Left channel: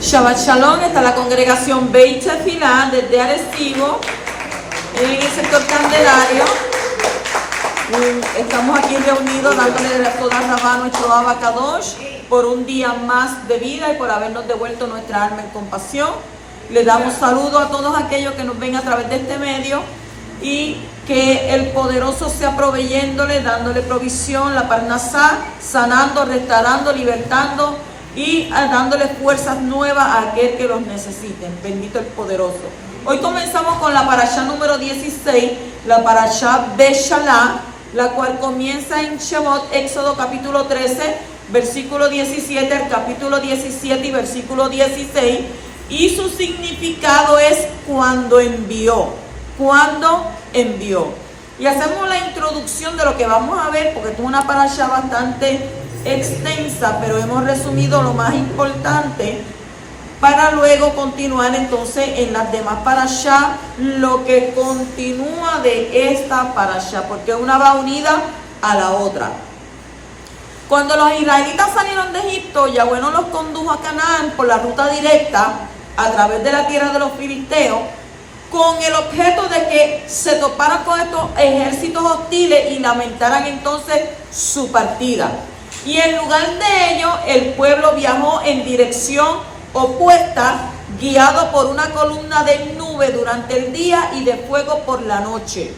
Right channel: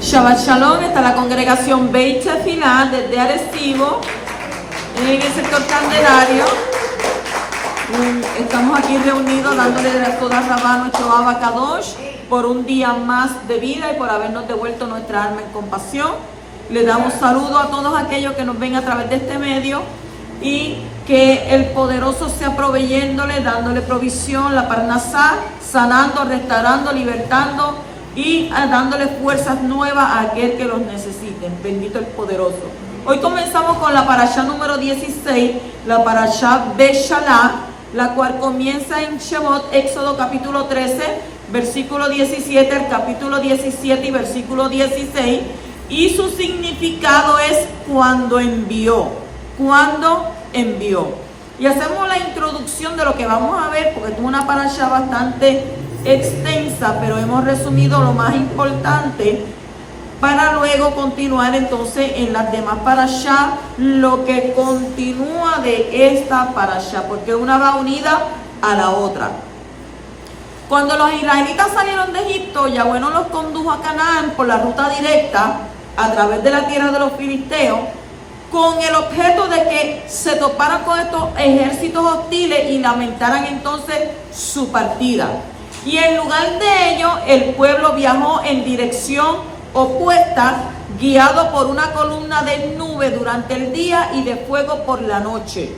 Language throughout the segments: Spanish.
Shabbat Shalom, está la congregación Beit Tefilá desde Arecibo, en el sector Candelario. Estamos aquí reunidos dándole toda Rabá nuestro Abba Kadosh por un día más de vida y por habernos devuelto nuestra alma en compasión. Le damos saludo a todos aquellos que nos ven a través de este medio y que el poderoso sea proveyéndole, dándole provisión, la parnasá, sanando, restaurando, libertando y dándole fuerzas nuevas a aquel que los necesite. Bendito el poderoso. Hoy comenzamos con la parashá número 16, la parashá Beshalá, la cual comienza en Shemot, Éxodo capítulo 13, versículo 17, el capítulo 17 y versículo 16, y su significado es cuando envió, Y hacemos la introducción de lo que vamos a ver, porque es una parashá bastante extensa, pero hemos resumido lo más importante para luego continuar entonces en las demás parashá, lo que continúa de esta parashá, porque una va unida a la otra. Cuando los israelitas salieron de Egipto, Yahweh no los condujo a Canaán por la ruta directa a través de la tierra de los filisteos, con el objeto de que se toparan con estos ejércitos hostiles y lamentaran entonces su partida. Y en lugar de ello, el pueblo viajó en dirección opuesta, guiado por una columna de nube durante el día y de fuego por la noche.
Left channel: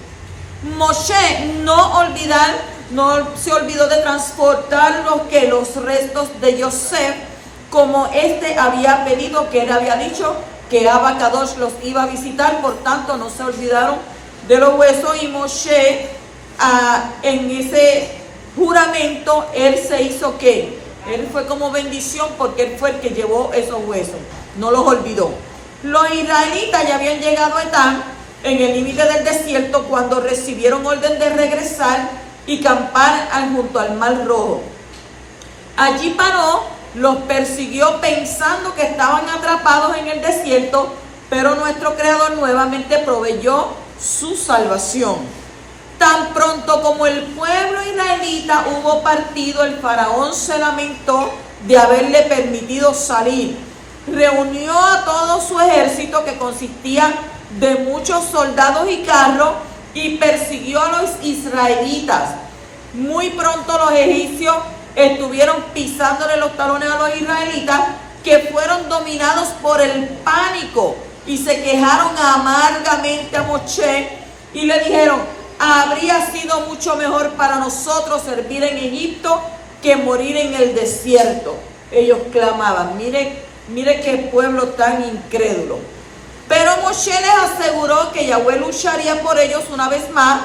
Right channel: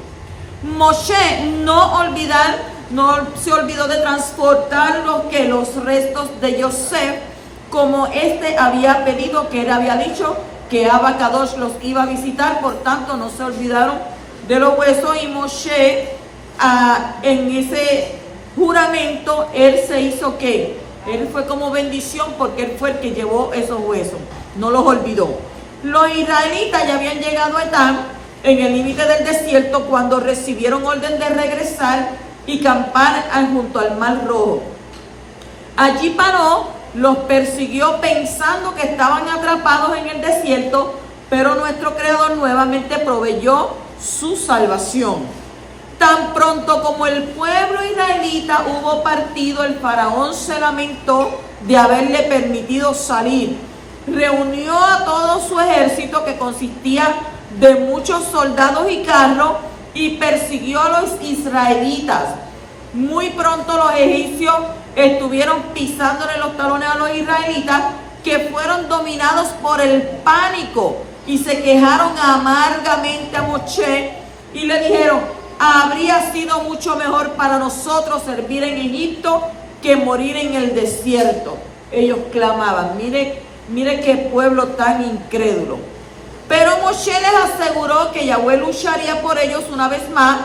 Moshe no se olvidó de transportar los restos de Yosef, como éste había pedido, que él había dicho que Abba Kadosh los iba a visitar, por tanto no se olvidaron de los huesos. Y Moshe, en ese juramento, él se hizo ¿qué? Él fue como bendición porque él fue el que llevó esos huesos, no los olvidó. Los israelitas ya habían llegado a Etán, en el límite del desierto, cuando recibieron orden de regresar y campar junto al Mar Rojo. Allí paró, los persiguió pensando que estaban atrapados en el desierto, pero nuestro Creador nuevamente proveyó su salvación. Tan pronto como el pueblo israelita hubo partido, el faraón se lamentó de haberle permitido salir. Reunió a todo su ejército, que consistía de muchos soldados y carros, y persiguió a los israelitas. Muy pronto los egipcios estuvieron pisándole los talones a los israelitas, que fueron dominados por el pánico y se quejaron amargamente a Moshe y le dijeron: habría sido mucho mejor para nosotros servir en Egipto que morir en el desierto. Ellos clamaban. Mire qué pueblo tan incrédulo. Pero Moshe les aseguró que Yahweh lucharía por ellos una vez más,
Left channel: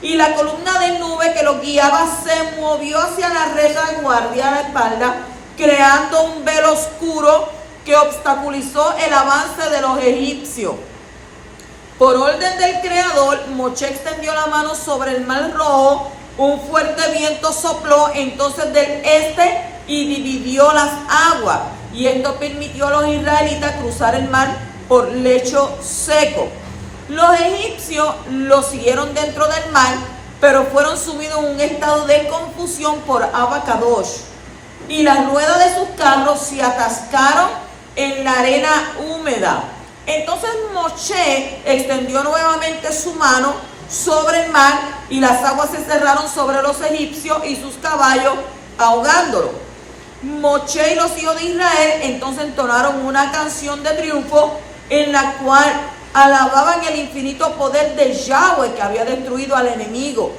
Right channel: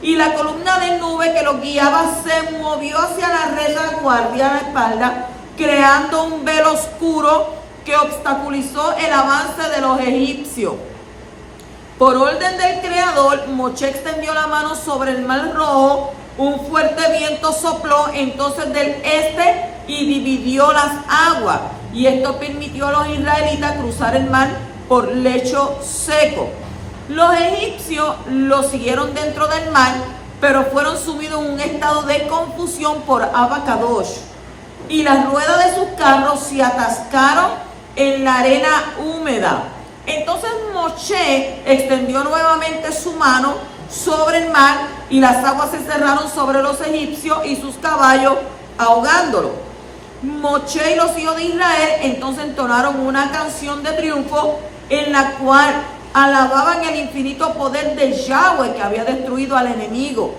y la columna de nube que los guiaba se movió hacia la retaguardia a la espalda, creando un velo oscuro que obstaculizó el avance de los egipcios. Por orden del Creador, Moshe extendió la mano sobre el Mar Rojo, un fuerte viento sopló entonces del este y dividió las aguas, y esto permitió a los israelitas cruzar el mar por lecho seco. Los egipcios los siguieron dentro del mar, pero fueron sumidos en un estado de confusión por Abba Kadosh, y las ruedas de sus carros se atascaron en la arena húmeda. Entonces Moshe extendió nuevamente su mano sobre el mar, y las aguas se cerraron sobre los egipcios y sus caballos, ahogándolos. Moshe y los hijos de Israel entonces entonaron una canción de triunfo en la cual alababan el infinito poder de Yahweh, que había destruido al enemigo.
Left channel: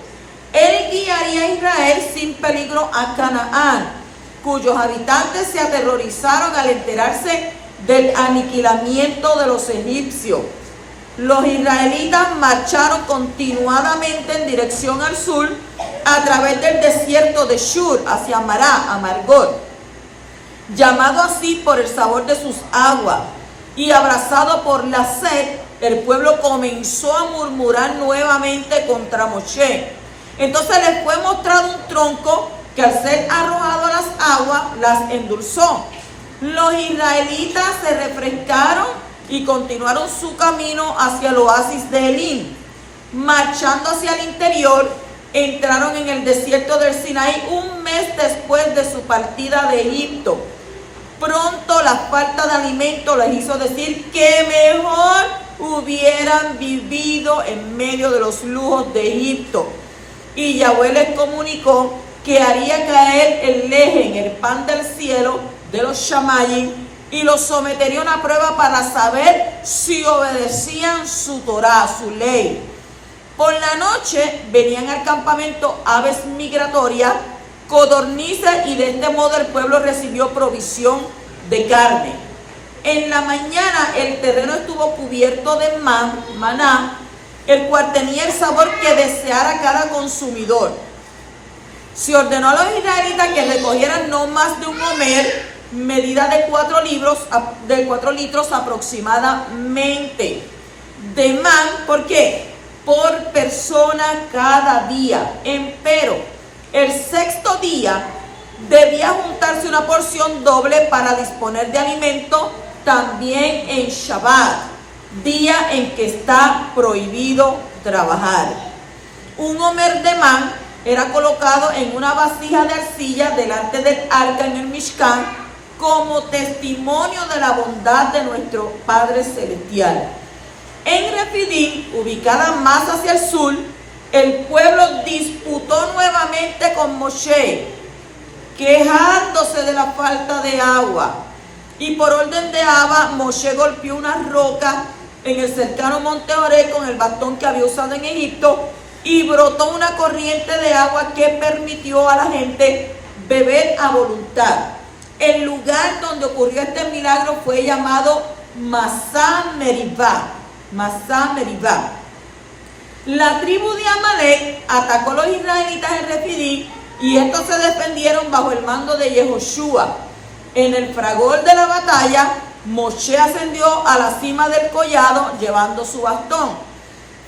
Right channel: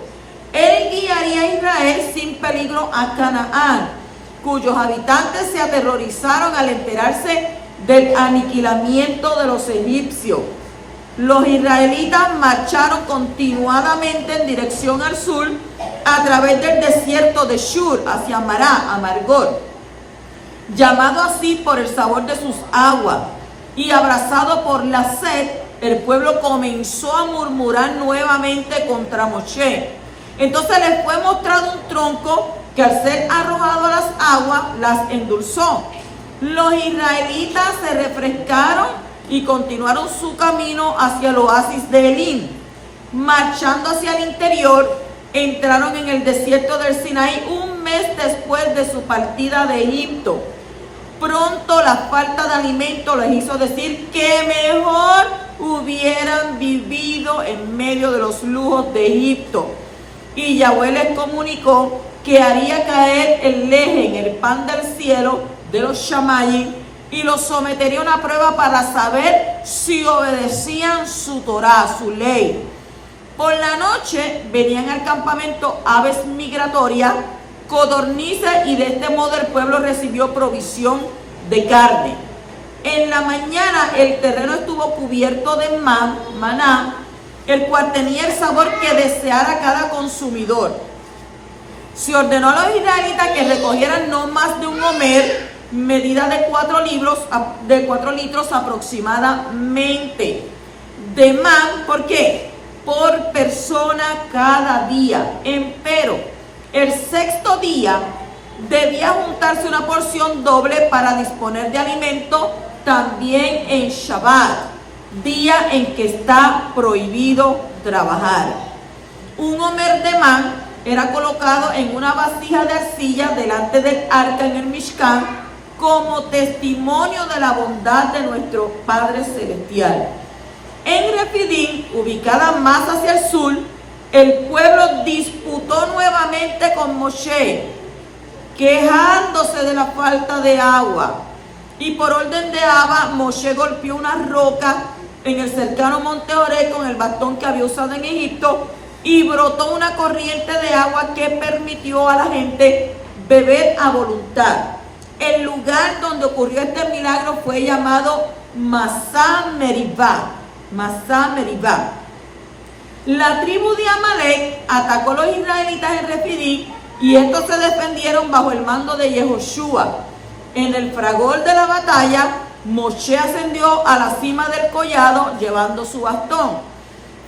Él guiaría a Israel sin peligro a Canaán, cuyos habitantes se aterrorizaron al enterarse del aniquilamiento de los egipcios. Los israelitas marcharon continuadamente en dirección al sur, a través del desierto de Shur, hacia Mará, Amargor, llamado así por el sabor de sus aguas, y abrazado por la sed, el pueblo comenzó a murmurar nuevamente contra Moshe. Entonces les fue mostrado un tronco que, al ser arrojado a las aguas, las endulzó. Los israelitas se refrescaron y continuaron su camino hacia el oasis de Elim. Marchando hacia el interior, entraron en el desierto del Sinaí un mes después de su partida de Egipto. Pronto la falta de alimento les hizo decir que mejor hubieran vivido en medio de los lujos de Egipto. Y Yahweh les comunicó que haría caer el leje en el pan del cielo de los Shamayim y los sometería a una prueba para saber si obedecían su Torá, su ley. Por la noche venían al campamento aves migratorias, codornices, y de este modo el pueblo recibió provisión de carne. En la mañana el terreno estuvo cubierto de maná, el cual tenía el sabor que deseara cada consumidor. Se ordenó a los israelitas que recogieran no más de un homer, medida de 4 litros aproximadamente, de man. ¿Por qué? Por persona cada día. Empero, el sexto día debía juntarse una porción doble para disponer de alimento también en Shabbat, día en que está prohibido trabajar. Un homer de man era colocado en una vasija de arcilla delante del arca en el Mishkan como testimonio de la bondad de nuestro Padre Celestial. En Refidim, ubicada más hacia el sur, el pueblo disputó nuevamente con Moshe, quejándose de la falta de agua. Y por orden de Abba, Moshe golpeó una roca en el cercano monte Oreb con el bastón que había usado en Egipto y brotó una corriente de agua que permitió a la gente beber a voluntad. El lugar donde ocurrió este milagro fue llamado Masá Meribá. Masá Meribá. La tribu de Amalek atacó a los israelitas en Refidim y estos se defendieron bajo el mando de Yehoshua. En el fragor de la batalla, Moshe ascendió a la cima del collado llevando su bastón.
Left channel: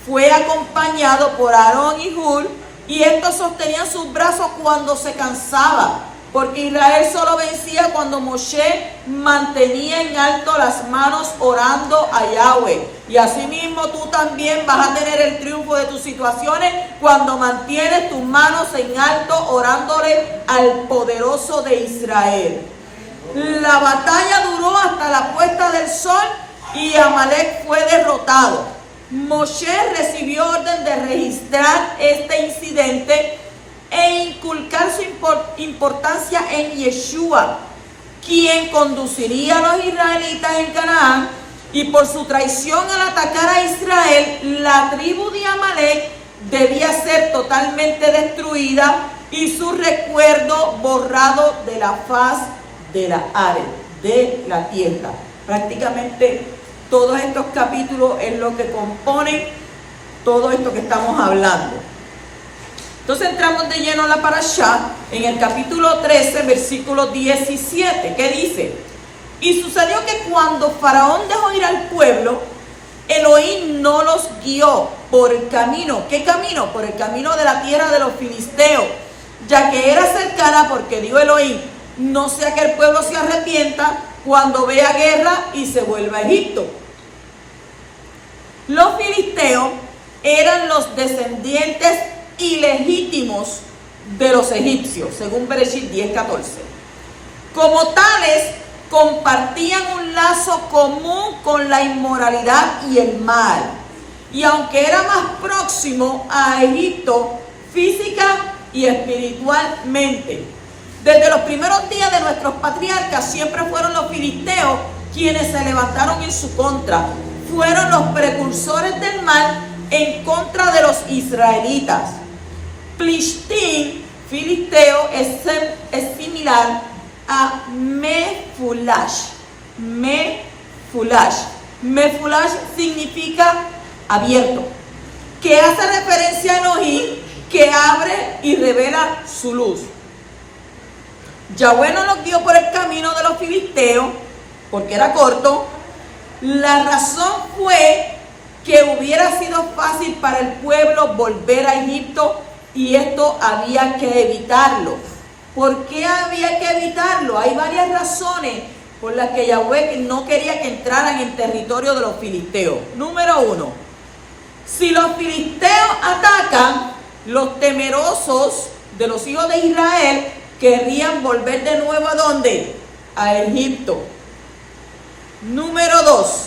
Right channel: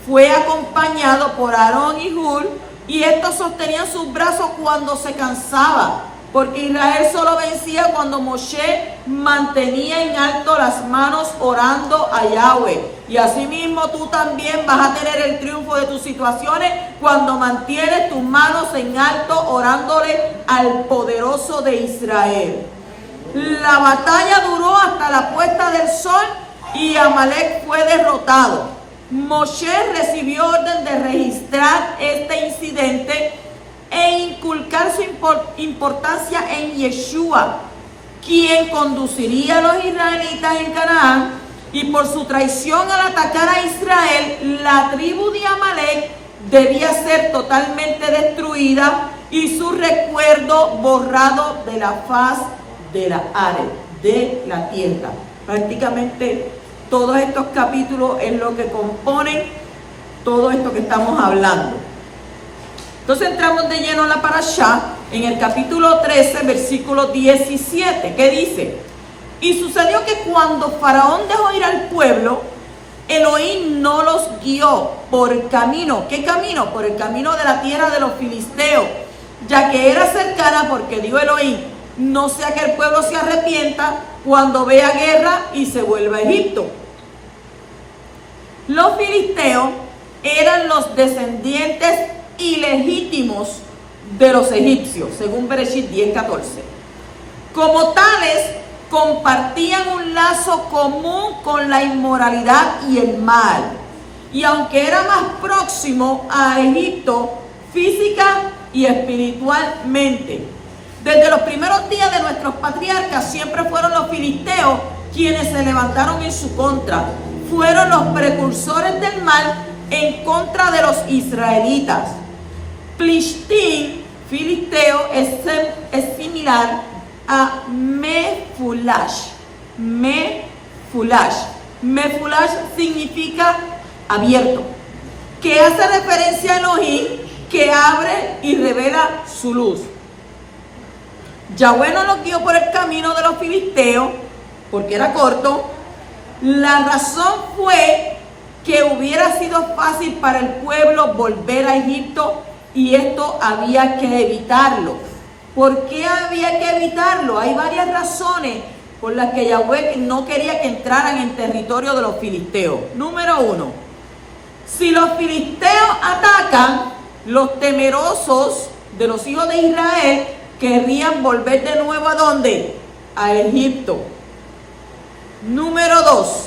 Fue acompañado por Aarón y Hur, y estos sostenían sus brazos cuando se cansaba, porque Israel solo vencía cuando Moshe mantenía en alto las manos orando a Yahweh. Y asimismo tú también vas a tener el triunfo de tus situaciones cuando mantienes tus manos en alto orándole al poderoso de Israel. La batalla duró hasta la puesta del sol y Amalek fue derrotado. Moshe recibió orden de registrar este incidente e inculcar su importancia en Yeshua, quien conduciría a los israelitas en Canaán. Y por su traición al atacar a Israel, la tribu de Amalek debía ser totalmente destruida y su recuerdo borrado de la faz de la área, de la tierra. Prácticamente todos estos capítulos es lo que componen todo esto que estamos hablando. Entonces entramos de lleno a la parashá en el capítulo 13, versículo 17, que dice: y sucedió que cuando Faraón dejó ir al pueblo, Elohim no los guió por el camino. ¿Qué camino? Por el camino de la tierra de los filisteos, ya que era cercana, porque dijo Elohim: no sea que el pueblo se arrepienta cuando vea guerra y se vuelva a Egipto. Los filisteos eran los descendientes ilegítimos de los egipcios, según Bereshit 10:14. Como tales, compartían un lazo común con la inmoralidad y el mal. Y aunque era más próximo a Egipto física y espiritualmente, desde los primeros días de nuestros patriarcas siempre fueron los filisteos quienes se levantaron en su contra. Fueron los precursores del mal en contra de los israelitas. Plishtim, filisteo, es similar a Mefulash. Mefulash significa abierto, que hace referencia a Elohim, que abre y revela su luz. Yahweh no los guió por el camino de los filisteos porque era corto. La razón fue que hubiera sido fácil para el pueblo volver a Egipto y esto había que evitarlo. ¿Por qué había que evitarlo? Hay varias razones por las que Yahweh no quería que entraran en territorio de los filisteos. Número 1, si los filisteos atacan, los temerosos de los hijos de Israel querrían volver de nuevo ¿a dónde? A Egipto. Número 2.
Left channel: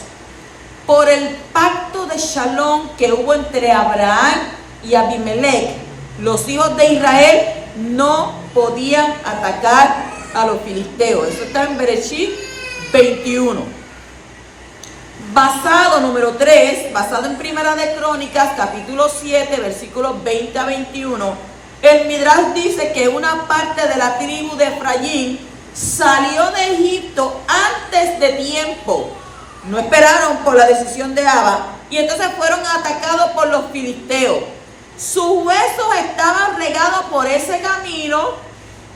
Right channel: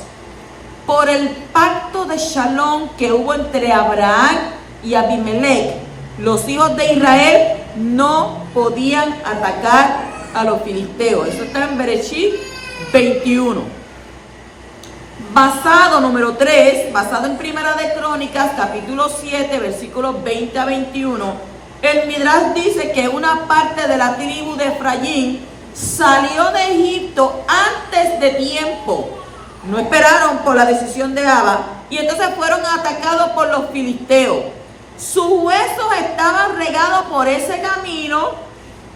Por el pacto de Shalom que hubo entre Abraham y Abimelech, los hijos de Israel no podían atacar a los filisteos. Eso está en Bereshit 21. Número 3, basado en Primera de Crónicas, capítulo 7, versículos 20 a 21, el Midrash dice que una parte de la tribu de Efraín salió de Egipto antes de tiempo. No esperaron por la decisión de Abba y entonces fueron atacados por los filisteos. Sus huesos estaban regados por ese camino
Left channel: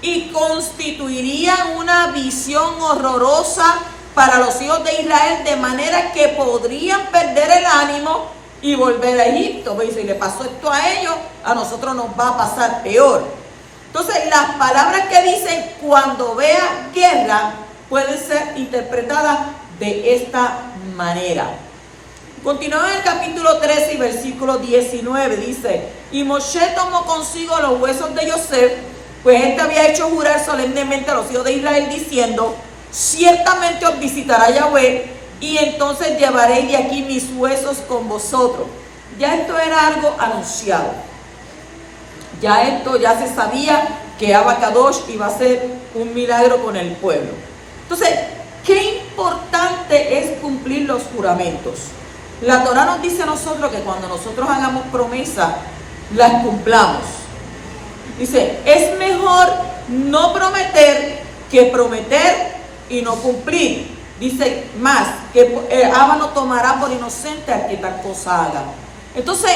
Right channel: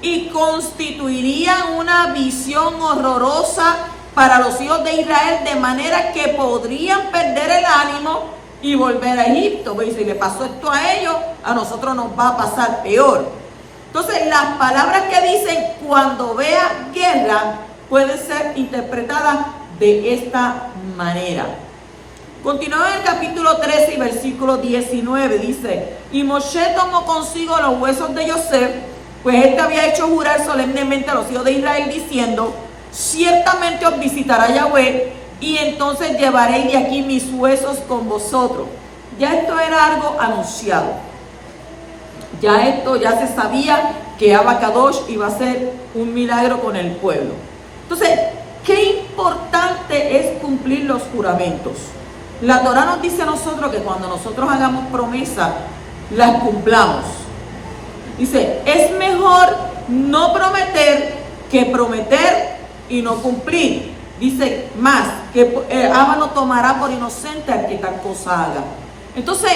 y constituirían una visión horrorosa para los hijos de Israel, de manera que podrían perder el ánimo y volver a Egipto. Pues si le pasó esto a ellos, a nosotros nos va a pasar peor. Entonces, las palabras que dicen cuando vea guerra pueden ser interpretadas de esta manera. Continuamos en el capítulo 13 y versículo 19. Dice: y Moshe tomó consigo los huesos de Yosef, pues éste había hecho jurar solemnemente a los hijos de Israel, diciendo: ciertamente os visitará Yahweh, y entonces llevaréis de aquí mis huesos con vosotros. Ya esto era algo anunciado. Ya se sabía que Abacadosh iba a hacer un milagro con el pueblo. Entonces, qué importante es cumplir los juramentos. La Torah nos dice a nosotros que cuando nosotros hagamos promesas, las cumplamos. Dice, es mejor no prometer que prometer y no cumplir. Dice más, que Abba no tomará por inocente al que tal cosa haga. Entonces,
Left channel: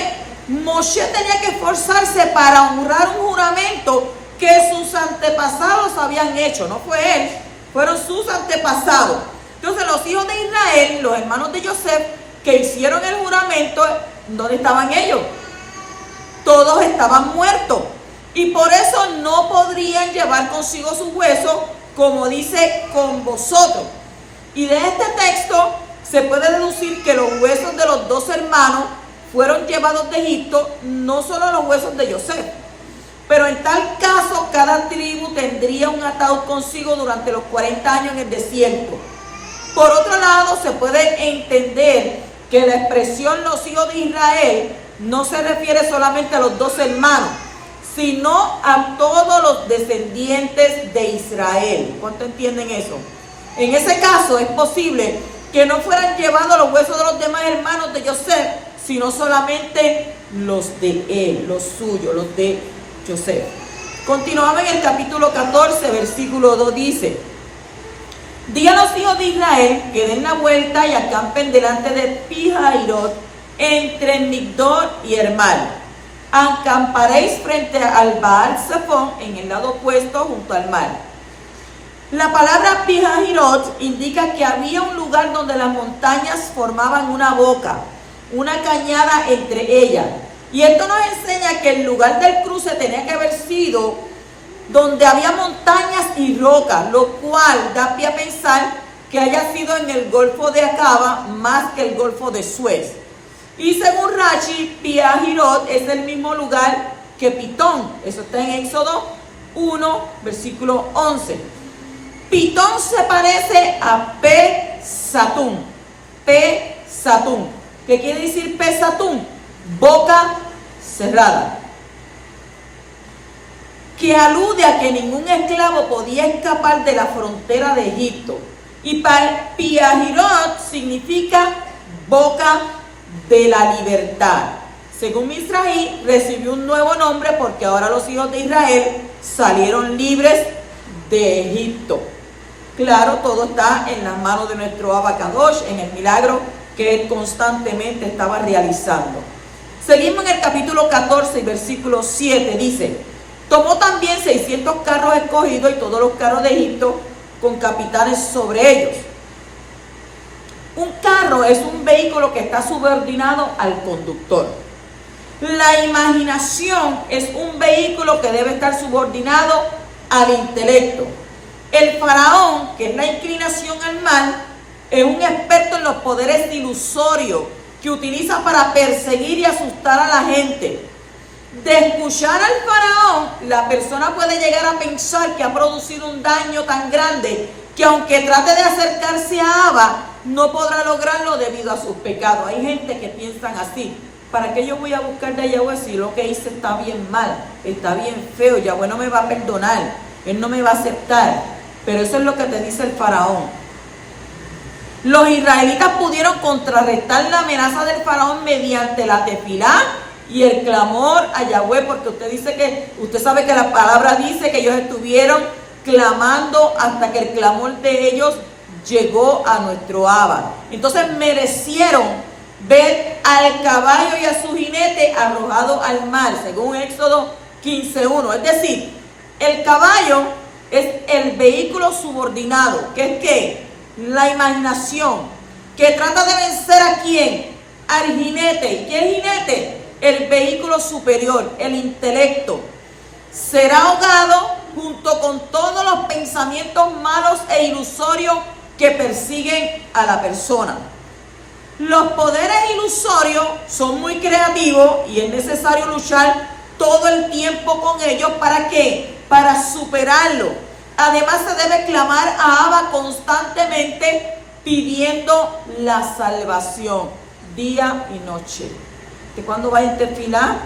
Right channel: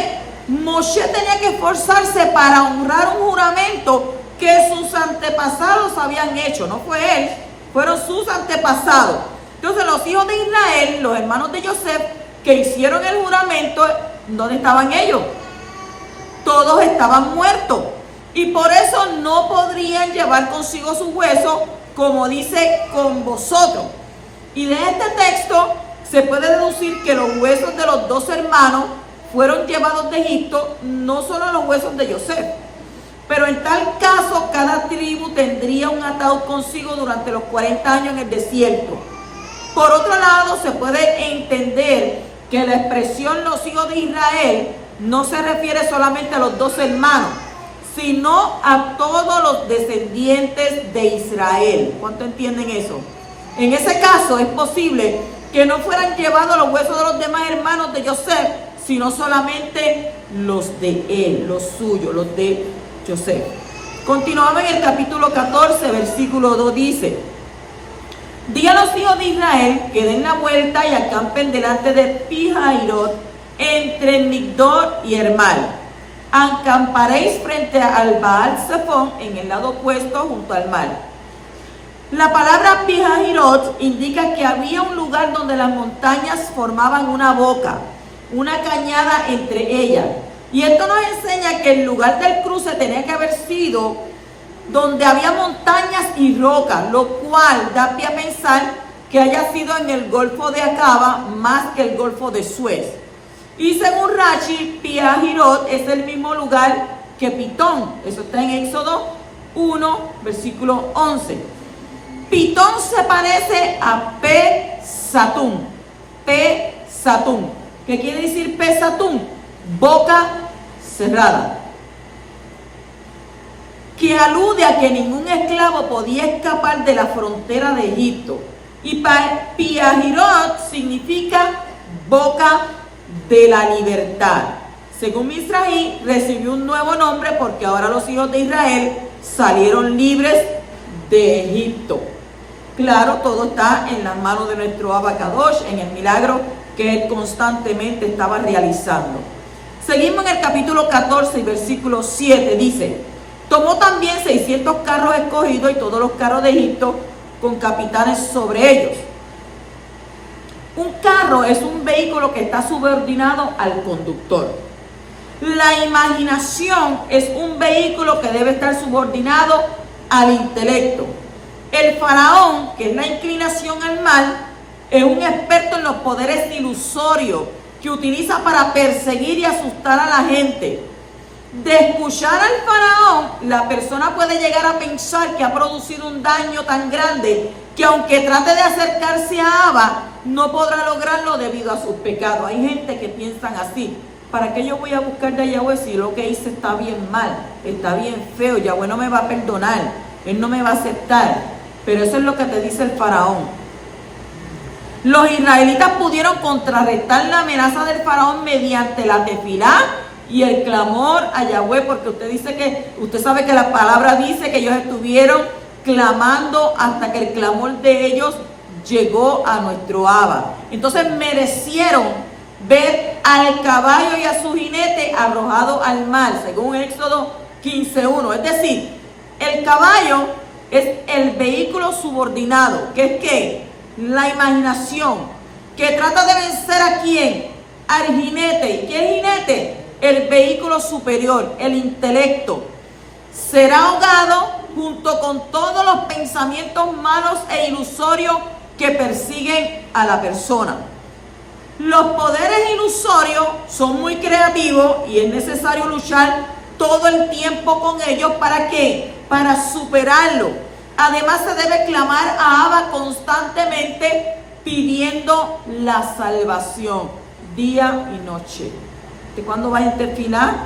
Moshe tenía que esforzarse para honrar un juramento que sus antepasados habían hecho. No fue él, fueron sus antepasados. Entonces, los hijos de Israel, los hermanos de Yosef, que hicieron el juramento, ¿dónde estaban ellos? Todos estaban muertos. Y por eso no podrían llevar consigo sus huesos, como dice, con vosotros. Y de este texto se puede deducir que los huesos de los dos hermanos fueron llevados de Egipto, no solo los huesos de Yosef. Pero en tal caso, cada tribu tendría un ataúd consigo durante los 40 años en el desierto. Por otro lado, se puede entender que la expresión los hijos de Israel no se refiere solamente a los dos hermanos, sino a todos los descendientes de Israel. ¿Cuánto entienden eso? En ese caso es posible que no fueran llevados los huesos de los demás hermanos de Yosef, sino solamente los de él, los suyos, los de Yosef. Continuamos en el capítulo 14, versículo 2, dice: di a los hijos de Israel que den la vuelta y acampen delante de Pi-Hahirot, entre Migdol y Hermal. Acamparéis frente al Baal Zephón en el lado opuesto junto al mar. La palabra Pi-Hahirot indica que había un lugar donde las montañas formaban una boca, una cañada entre ellas. Y esto nos enseña que el lugar del cruce tenía que haber sido donde había montañas y rocas, lo cual da pie a pensar que haya sido en el Golfo de Acaba más que el Golfo de Suez. Y según Rashi, Pi-Hahirot es el mismo lugar que Pitón. Eso está en Éxodo 1, versículo 11. Pitón se parece a Pe-Satum. Pe-Satum. ¿Qué quiere decir Pe-Satum? Boca cerrada. Que alude a que ningún esclavo podía escapar de la frontera de Egipto. Y Pi-Hahirot significa boca de la libertad. Según Misraí, recibió un nuevo nombre porque ahora los hijos de Israel salieron libres de Egipto. Claro, todo está en las manos de nuestro Abacadosh, en el milagro que él constantemente estaba realizando. Seguimos en el capítulo 14 y versículo 7, dice: tomó también 600 carros escogidos y todos los carros de Egipto con capitanes sobre ellos. Un carro es un vehículo que está subordinado al conductor. La imaginación es un vehículo que debe estar subordinado al intelecto. El faraón, que es la inclinación al mal, es un experto en los poderes ilusorios que utiliza para perseguir y asustar a la gente. de escuchar al faraón, la persona puede llegar a pensar que ha producido un daño tan grande que aunque trate de acercarse a Abba, no podrá lograrlo debido a sus pecados. Hay gente que piensan así: ¿para qué yo voy a buscar de Yahweh si lo que hice está bien mal, está bien feo? Yahweh no me va a perdonar, Él no me va a aceptar. Pero eso es lo que te dice el faraón. Los israelitas pudieron contrarrestar la amenaza del faraón mediante la tefilá y el clamor a Yahweh, porque usted sabe que la palabra dice que ellos estuvieron clamando hasta que el clamor de ellos llegó a nuestro Abba. Entonces merecieron ver al caballo y a su jinete arrojado al mar, según Éxodo 15:1. Es decir, el caballo es el vehículo subordinado, que es ¿qué? La imaginación, que trata de vencer ¿a quién? Al jinete. ¿Y qué es el jinete? El vehículo superior, el intelecto. Será ahogado junto con todos los pensamientos malos e ilusorios que persiguen a la persona. Los poderes ilusorios son muy creativos y es necesario luchar todo el tiempo con ellos. ¿Para qué? Para superarlo. Además se debe clamar a Abba constantemente pidiendo la salvación día y noche. Que cuando vaya a tefilá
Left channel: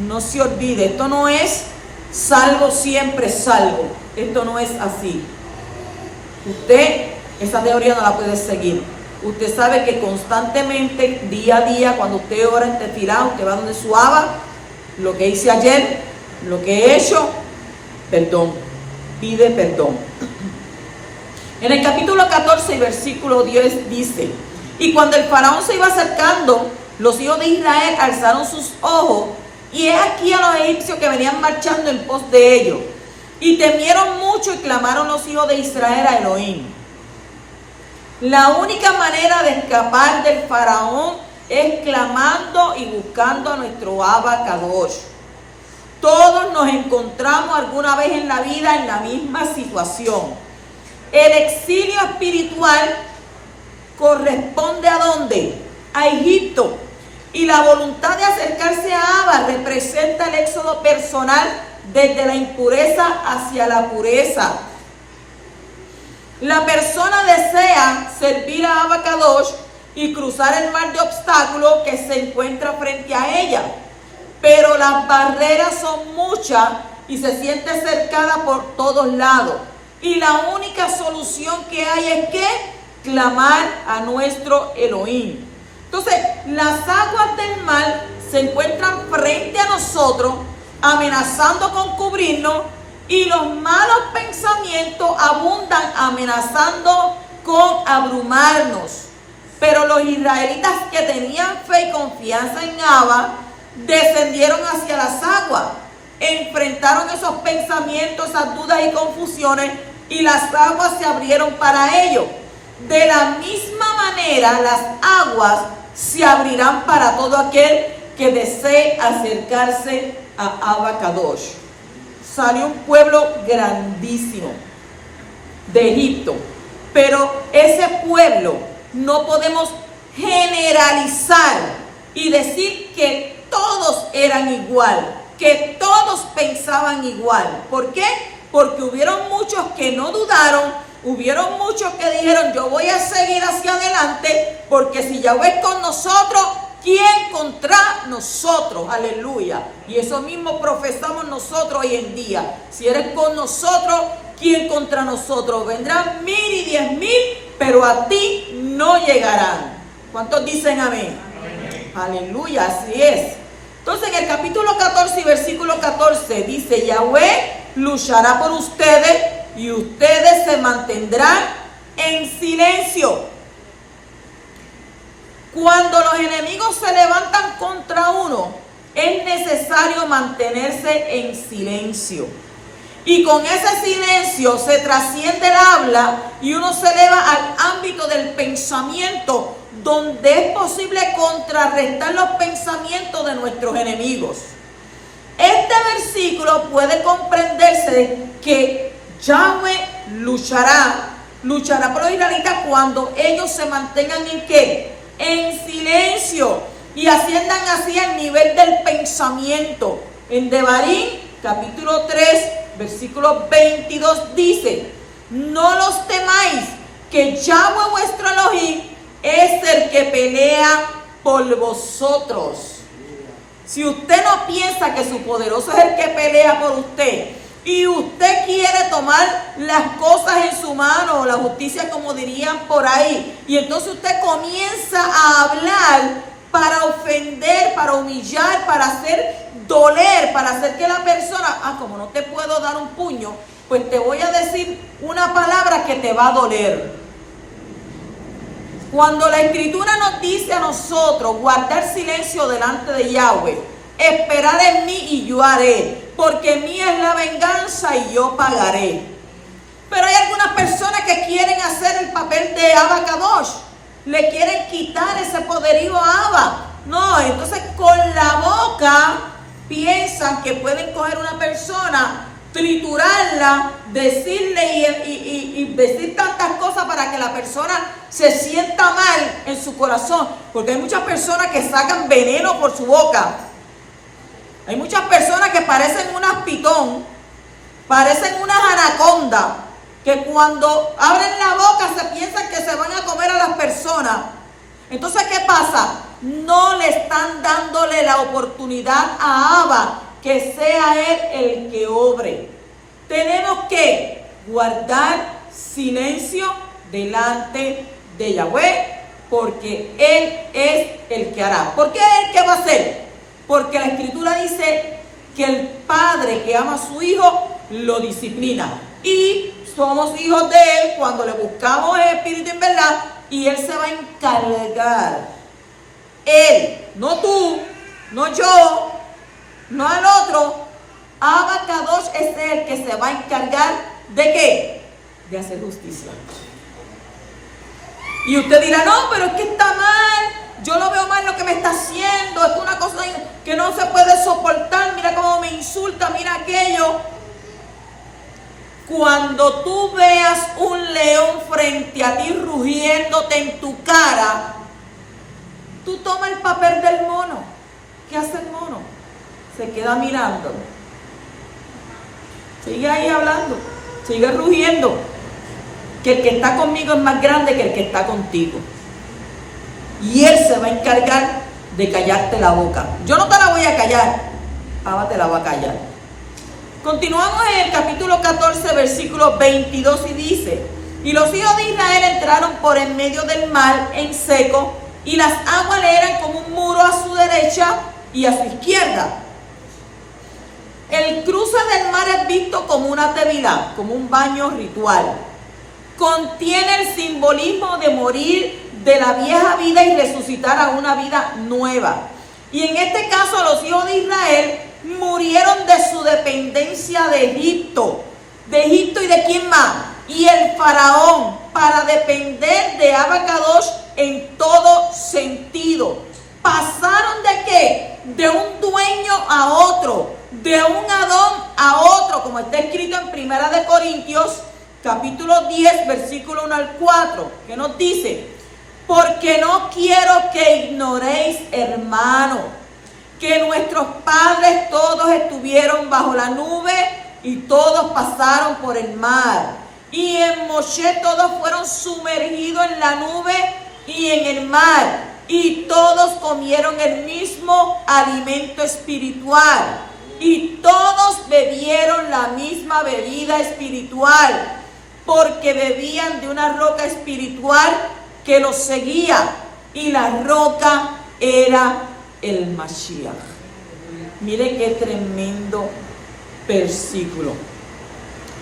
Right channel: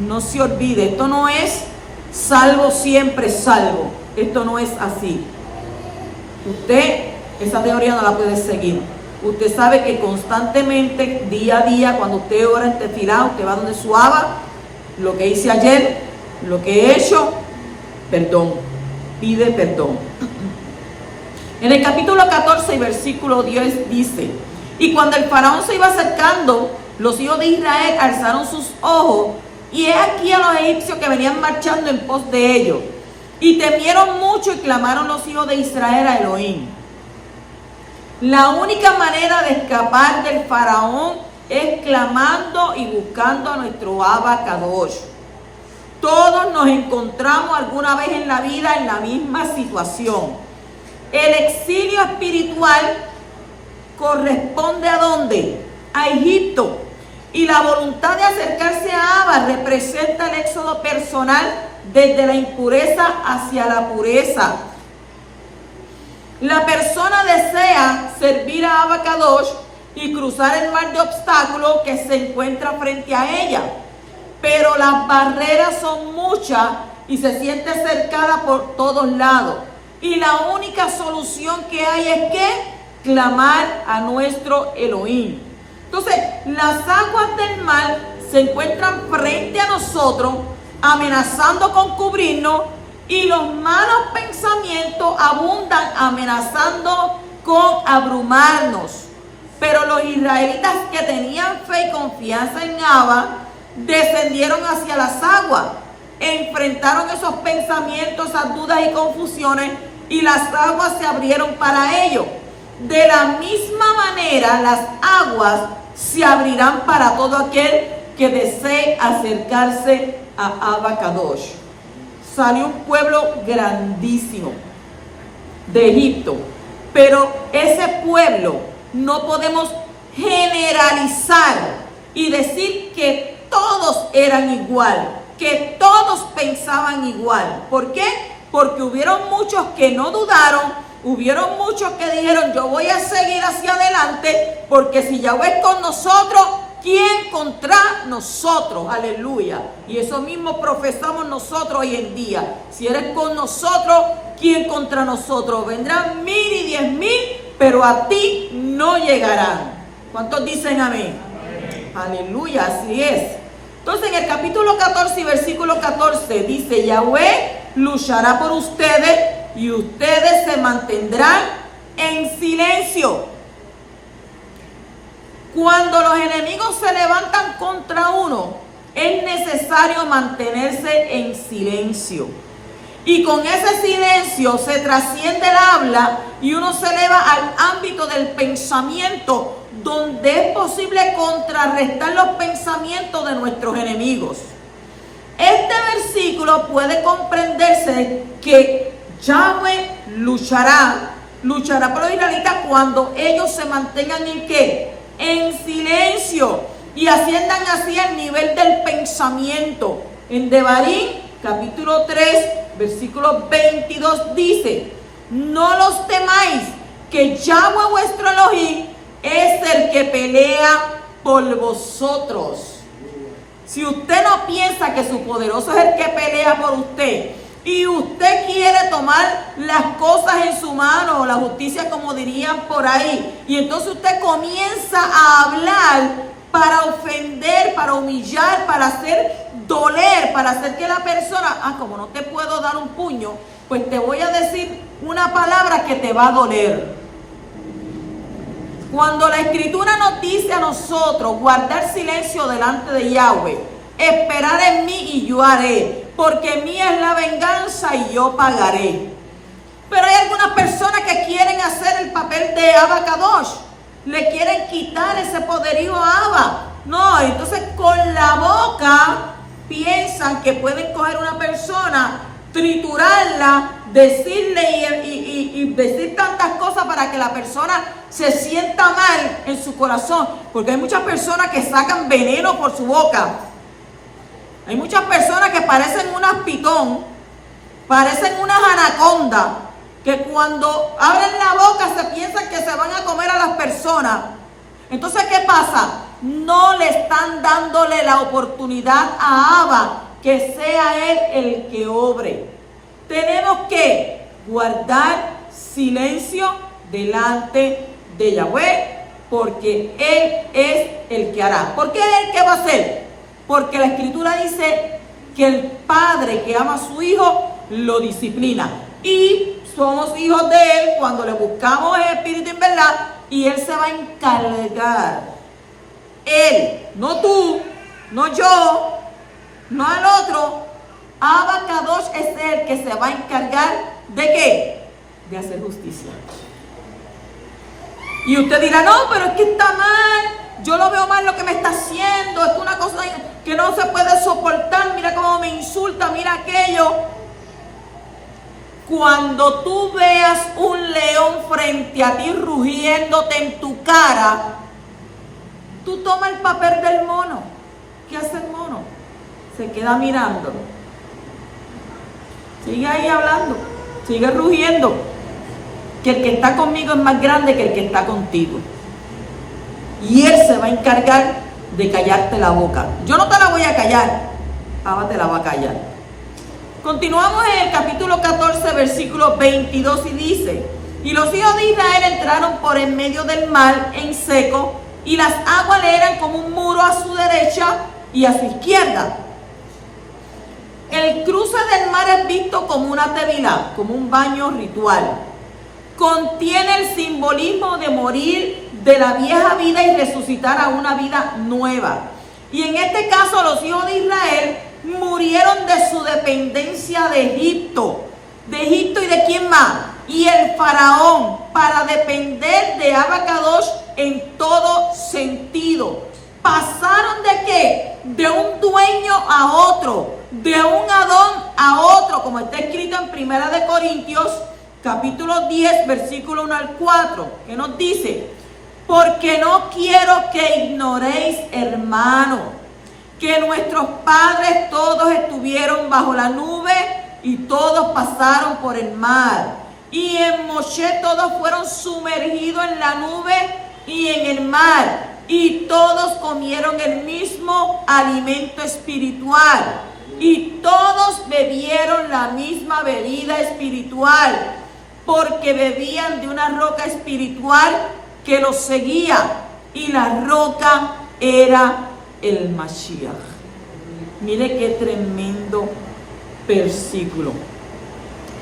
no se olvide, esto no es salvo siempre salvo, esto no es así. Usted esa teoría no la puede seguir. Usted sabe que constantemente, día a día, cuando usted ora en tefilá, usted va donde su Abba, lo que hice ayer, lo que he hecho, perdón, pide perdón. En el capítulo 14 y versículo 10 dice: y cuando el faraón se iba acercando, los hijos de Israel alzaron sus ojos, y he aquí a los egipcios que venían marchando en pos de ellos. Y temieron mucho y clamaron los hijos de Israel a Elohim. La única manera de escapar del faraón es clamando y buscando a nuestro Abba Kadosh. Todos nos encontramos alguna vez en la vida en la misma situación. El exilio espiritual corresponde ¿a dónde? A Egipto. Y la voluntad de acercarse a Abba representa el éxodo personal desde la impureza hacia la pureza. La persona desea servir a Abba Kadosh y cruzar el mar de obstáculos que se encuentra frente a ella. Pero las barreras son muchas y se siente cercada por todos lados. Y la única solución que hay es que clamar a nuestro Elohim. Entonces, las aguas del mar se encuentran frente a nosotros, amenazando con cubrirnos, y los malos pensamientos abundan, amenazando con abrumarnos. Pero los israelitas que tenían fe y confianza en Abba, descendieron hacia las aguas, enfrentaron esos pensamientos, esas dudas y confusiones, y las aguas se abrieron para ellos. De la misma manera, las aguas se abrirán para todo aquel que desee acercarse a Abba Kadosh. Salió un pueblo grandísimo de Egipto, pero ese pueblo no podemos generalizar y decir que todos eran igual, que todos pensaban igual. ¿Por qué? Porque hubieron muchos que no dudaron, hubieron muchos que dijeron: yo voy a seguir hacia adelante, porque si Yahweh es con nosotros, ¿quién contra nosotros? Aleluya. Y eso mismo profesamos nosotros hoy en día. Si eres con nosotros, ¿quién contra nosotros? Vendrán 1000 y 10,000, pero a ti no llegarán. ¿Cuántos dicen amén? Amén. Aleluya, así es. Entonces en el capítulo 14 y versículo 14 dice: Yahweh luchará por ustedes y ustedes se mantendrán en silencio. Cuando los enemigos se levantan contra uno, es necesario mantenerse en silencio. Y con ese silencio se trasciende el habla y uno se eleva al ámbito del pensamiento, donde es posible contrarrestar los pensamientos de nuestros enemigos. Este versículo puede comprenderse que Yahweh luchará por los israelitas cuando ellos se mantengan en ¿qué? En silencio, y asciendan así al nivel del pensamiento. En Devarim, capítulo 3, versículo 22 dice: no los temáis, que Yahweh vuestro Elohim es el que pelea por vosotros. Si usted no piensa que su poderoso es el que pelea por usted, y usted quiere tomar las cosas en su mano, la justicia como dirían por ahí, y entonces usted comienza a hablar para ofender, para humillar, para hacer doler, para hacer que la persona, como no te puedo dar un puño, pues te voy a decir una palabra que te va a doler. Cuando la Escritura nos dice a nosotros guardar silencio delante de Yahweh, esperar en mí y yo haré, porque mía es la venganza y yo pagaré. Pero hay algunas personas que quieren hacer el papel de Abacadosh, le quieren quitar ese poderío a Abba. No, entonces con la boca piensan que pueden coger una persona, triturarla, decirle y decir tantas cosas para que la persona se sienta mal en su corazón. Porque hay muchas personas que sacan veneno por su boca. Hay muchas personas que parecen unas pitón, parecen unas anacondas, que cuando abren la boca se piensan que se van a comer a las personas. Entonces, ¿qué pasa? No le están dándole la oportunidad a Abba que sea Él el que obre. Tenemos que guardar silencio delante de Yahweh, porque Él es el que hará. ¿Por qué es el que va a hacer? Porque la Escritura dice que el padre que ama a su hijo lo disciplina. Y somos hijos de Él cuando le buscamos en espíritu y en verdad, y Él se va a encargar. Él, no tú, no yo, no el otro. Abacadosh es el que se va a encargar ¿de qué? De hacer justicia. Y usted dirá, no, pero es que está mal, yo lo veo mal lo que me está haciendo, es una cosa que no se puede soportar, mira cómo me insulta, mira aquello. Cuando tú veas un león frente a ti rugiéndote en tu cara, tú tomas el papel del mono. ¿Qué hace el mono? Se queda mirándolo. Sigue ahí hablando, sigue rugiendo. Que el que está conmigo es más grande que el que está contigo. Y Él se va a encargar de callarte la boca. Yo no te la voy a callar, Abba te la va a callar. Continuamos en el capítulo 14, versículo 22 y dice: y los hijos de Israel entraron por en medio del mar en seco, y las aguas le eran como un muro a su derecha y a su izquierda. El cruce del mar es visto como una tevilá, como un baño ritual. Contiene el simbolismo de morir de la vieja vida y resucitar a una vida nueva. Y en este caso los hijos de Israel murieron de su dependencia de Egipto. ¿De Egipto y de quién más? Y el faraón, para depender de Abacadosh en todo sentido. ¿Pasaron de qué? De un dueño a otro, de un Adón a otro, como está escrito en Primera de Corintios, capítulo 10, versículo 1 al 4, que nos dice: porque no quiero que ignoréis, hermanos, que nuestros padres todos estuvieron bajo la nube y todos pasaron por el mar. Y en Moshe todos fueron sumergidos en la nube y en el mar. Y todos comieron el mismo alimento espiritual. Y todos bebieron la misma bebida espiritual, porque bebían de una roca espiritual que los seguía. Y la roca era el Mashiach. Mire qué tremendo versículo.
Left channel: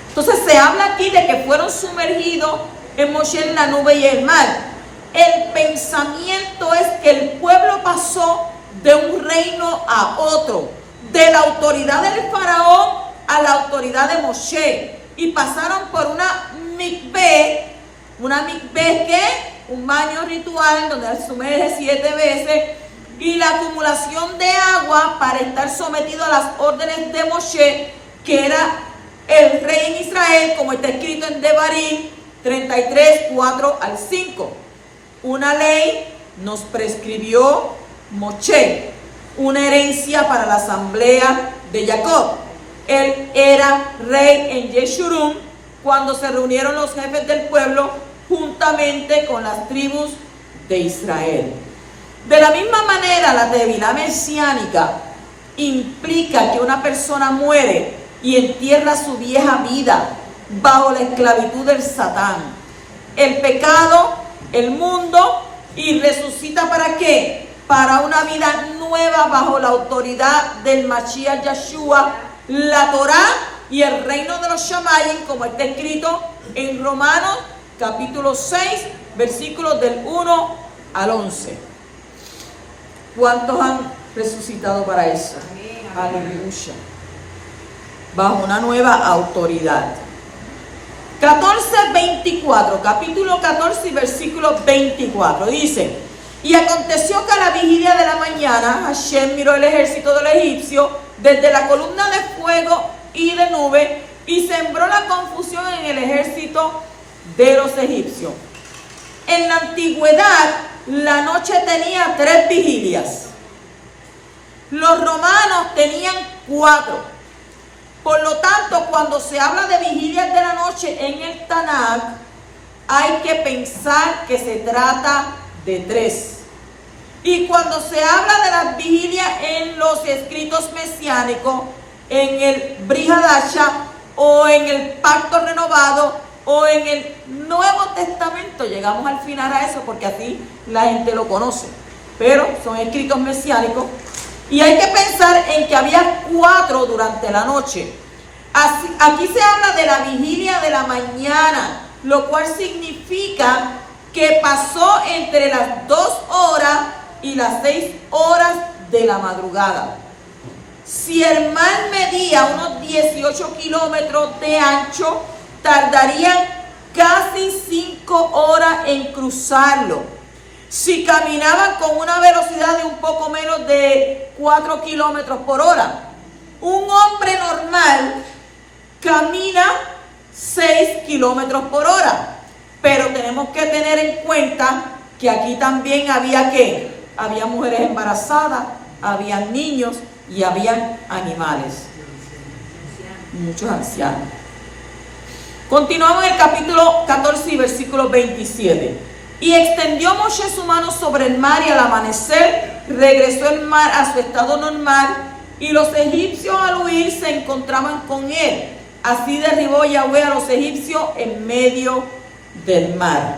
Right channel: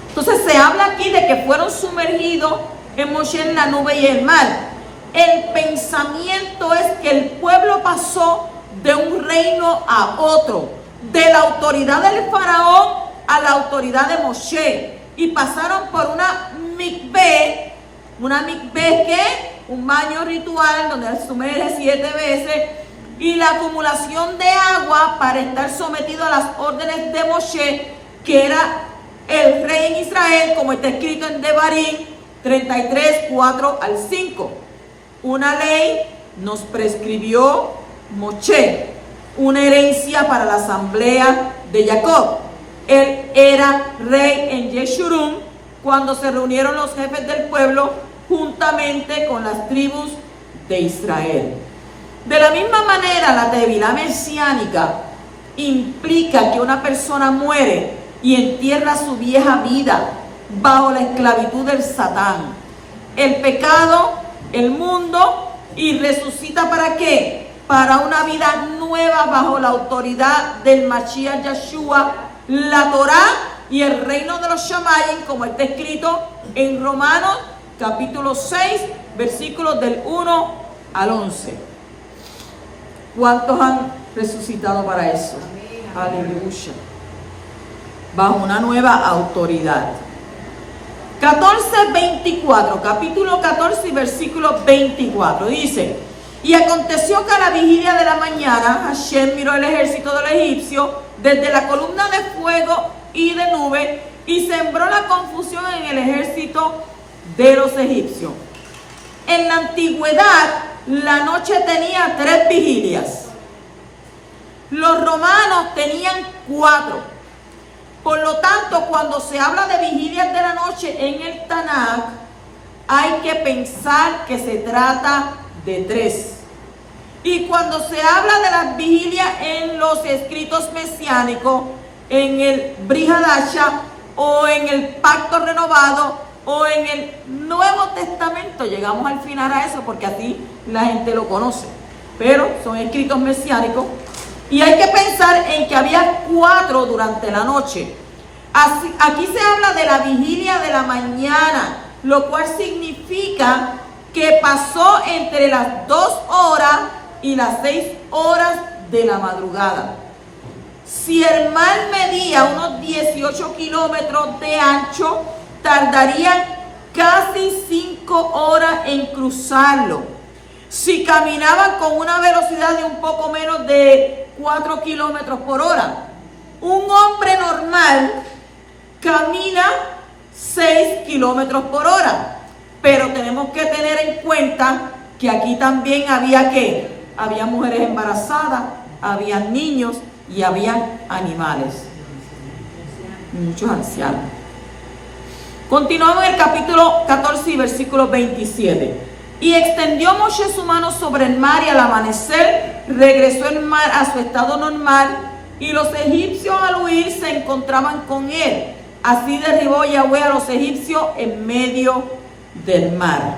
Entonces se habla aquí de que fueron sumergidos en Moshe en la nube y el mar. El pensamiento es que el pueblo pasó de un reino a otro, de la autoridad del faraón a la autoridad de Moshe, y pasaron por una mikveh. Una mikveh, ¿qué? Un baño ritual donde se sumerge 7 veces, y la acumulación de agua para estar sometido a las órdenes de Moshe, que era el rey en Israel, como está escrito en Devarim 33, 4 al 5. Una ley nos prescribió Moshe, una herencia para la asamblea de Jacob. Él era rey en Yeshurun cuando se reunieron los jefes del pueblo juntamente con las tribus de Israel. De la misma manera, la tevilá mesiánica implica que una persona muere y entierra su vieja vida bajo la esclavitud del Satán, el pecado, el mundo, y resucita ¿para qué? Para una vida nueva bajo la autoridad del Mashiach Yeshua, la Torá y el reino de los Shamayim, como está escrito en Romanos capítulo 6, versículos del 1 al 11. ¿Cuántos han resucitado para eso? Aleluya. Bajo una nueva autoridad. 14:24, capítulo 14 y versículo 24, dice: y aconteció que a la vigilia de la mañana, Hashem miró el ejército del egipcio desde la columna de fuego y de nube, y sembró la confusión en el ejército de los egipcios. En la antigüedad, la noche tenía 3 vigilias. Los romanos tenían 4. Por lo tanto, cuando se habla de vigilias de la noche en el Tanakh, hay que pensar que se trata de 3. Y cuando se habla de las vigilias en los escritos mesiánicos, en el Brit Hadasha o en el Pacto Renovado o en el Nuevo Testamento, llegamos al final a eso porque así la gente lo conoce, pero son escritos mesiánicos. Y hay que pensar en que había 4 durante la noche. Aquí se habla de la vigilia de la mañana, lo cual significa que pasó entre las 2 horas y las 6 horas de la madrugada. Si el mar medía unos 18 kilómetros de ancho, tardarían casi 5 horas en cruzarlo. Si caminaban con una velocidad de un poco menos de 4 kilómetros por hora, un hombre normal camina 6 kilómetros por hora. Pero tenemos que tener en cuenta que aquí también había ¿qué? Había mujeres embarazadas, había niños y había animales. Muchos ancianos. Continuamos en el capítulo 14 y versículo 27. Y extendió Moshe su mano sobre el mar, y al amanecer regresó el mar a su estado normal, y los egipcios al huir se encontraban con él. Así derribó Yahweh a los egipcios en medio del mar.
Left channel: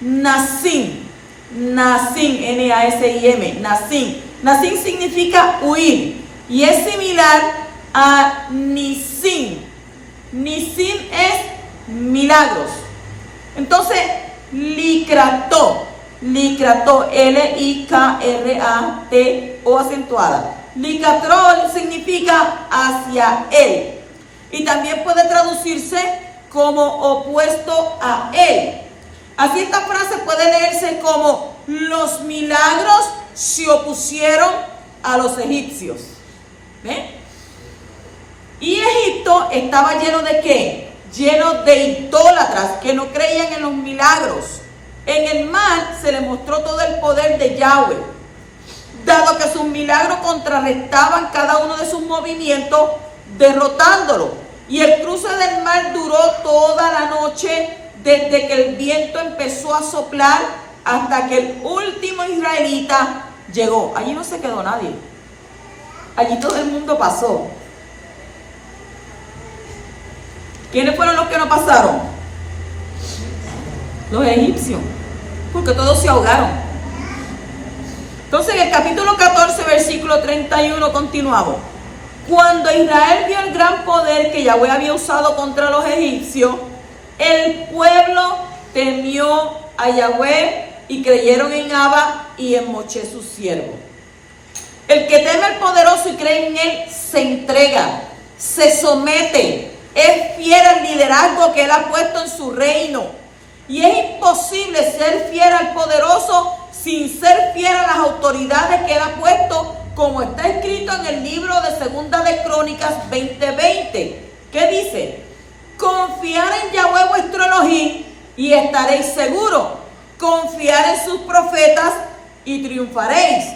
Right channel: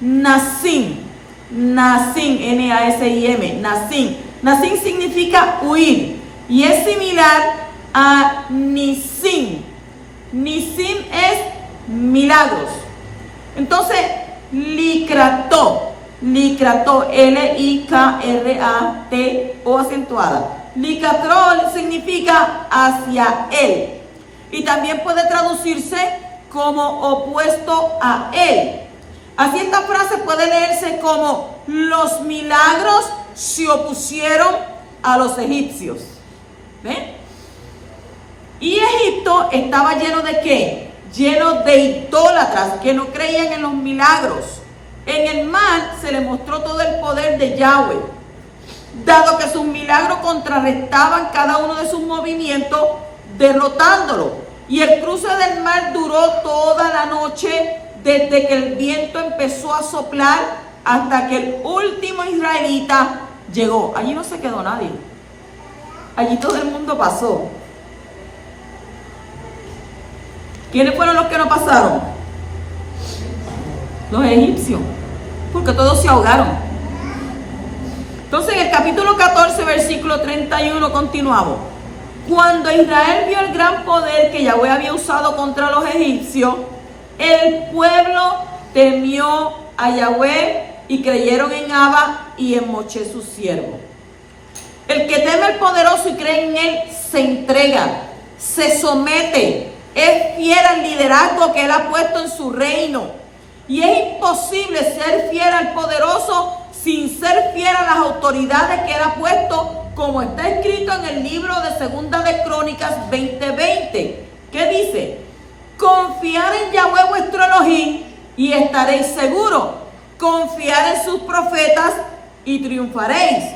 Nasim, N-A-S-I-M, Nasim significa huir, y es similar a Nisim. Nisim es milagros. Entonces, Likrató, L-I-K-R-A-T-O acentuada. Licatrol significa hacia él. Y también puede traducirse como opuesto a él. Así esta frase puede leerse como: los milagros se opusieron a los egipcios. ¿Ve? Y Egipto estaba lleno de ¿qué? Lleno de idólatras que no creían en los milagros. En el mar se le mostró todo el poder de Yahweh, dado que sus milagros contrarrestaban cada uno de sus movimientos, derrotándolo. Y el cruce del mar duró toda la noche, desde que el viento empezó a soplar hasta que el último israelita llegó. Allí no se quedó nadie. Allí todo el mundo pasó. ¿Quiénes fueron los que no pasaron? Los egipcios, porque todos se ahogaron. Entonces en el capítulo 14, versículo 31 continuamos. Cuando Israel vio el gran poder que Yahweh había usado contra los egipcios, el pueblo temió a Yahweh y creyeron en Abba y en Moshe su siervo. El que teme al poderoso y cree en él se entrega, se somete, es fiel al liderazgo que él ha puesto en su reino. Y es imposible ser fiel al poderoso sin ser fiel a las autoridades que él ha puesto, como está escrito en el libro de Segunda de Crónicas 20:20. ¿Qué dice? Confiar en Yahweh vuestro Elohim y estaréis seguros. Confiar en sus profetas y triunfaréis.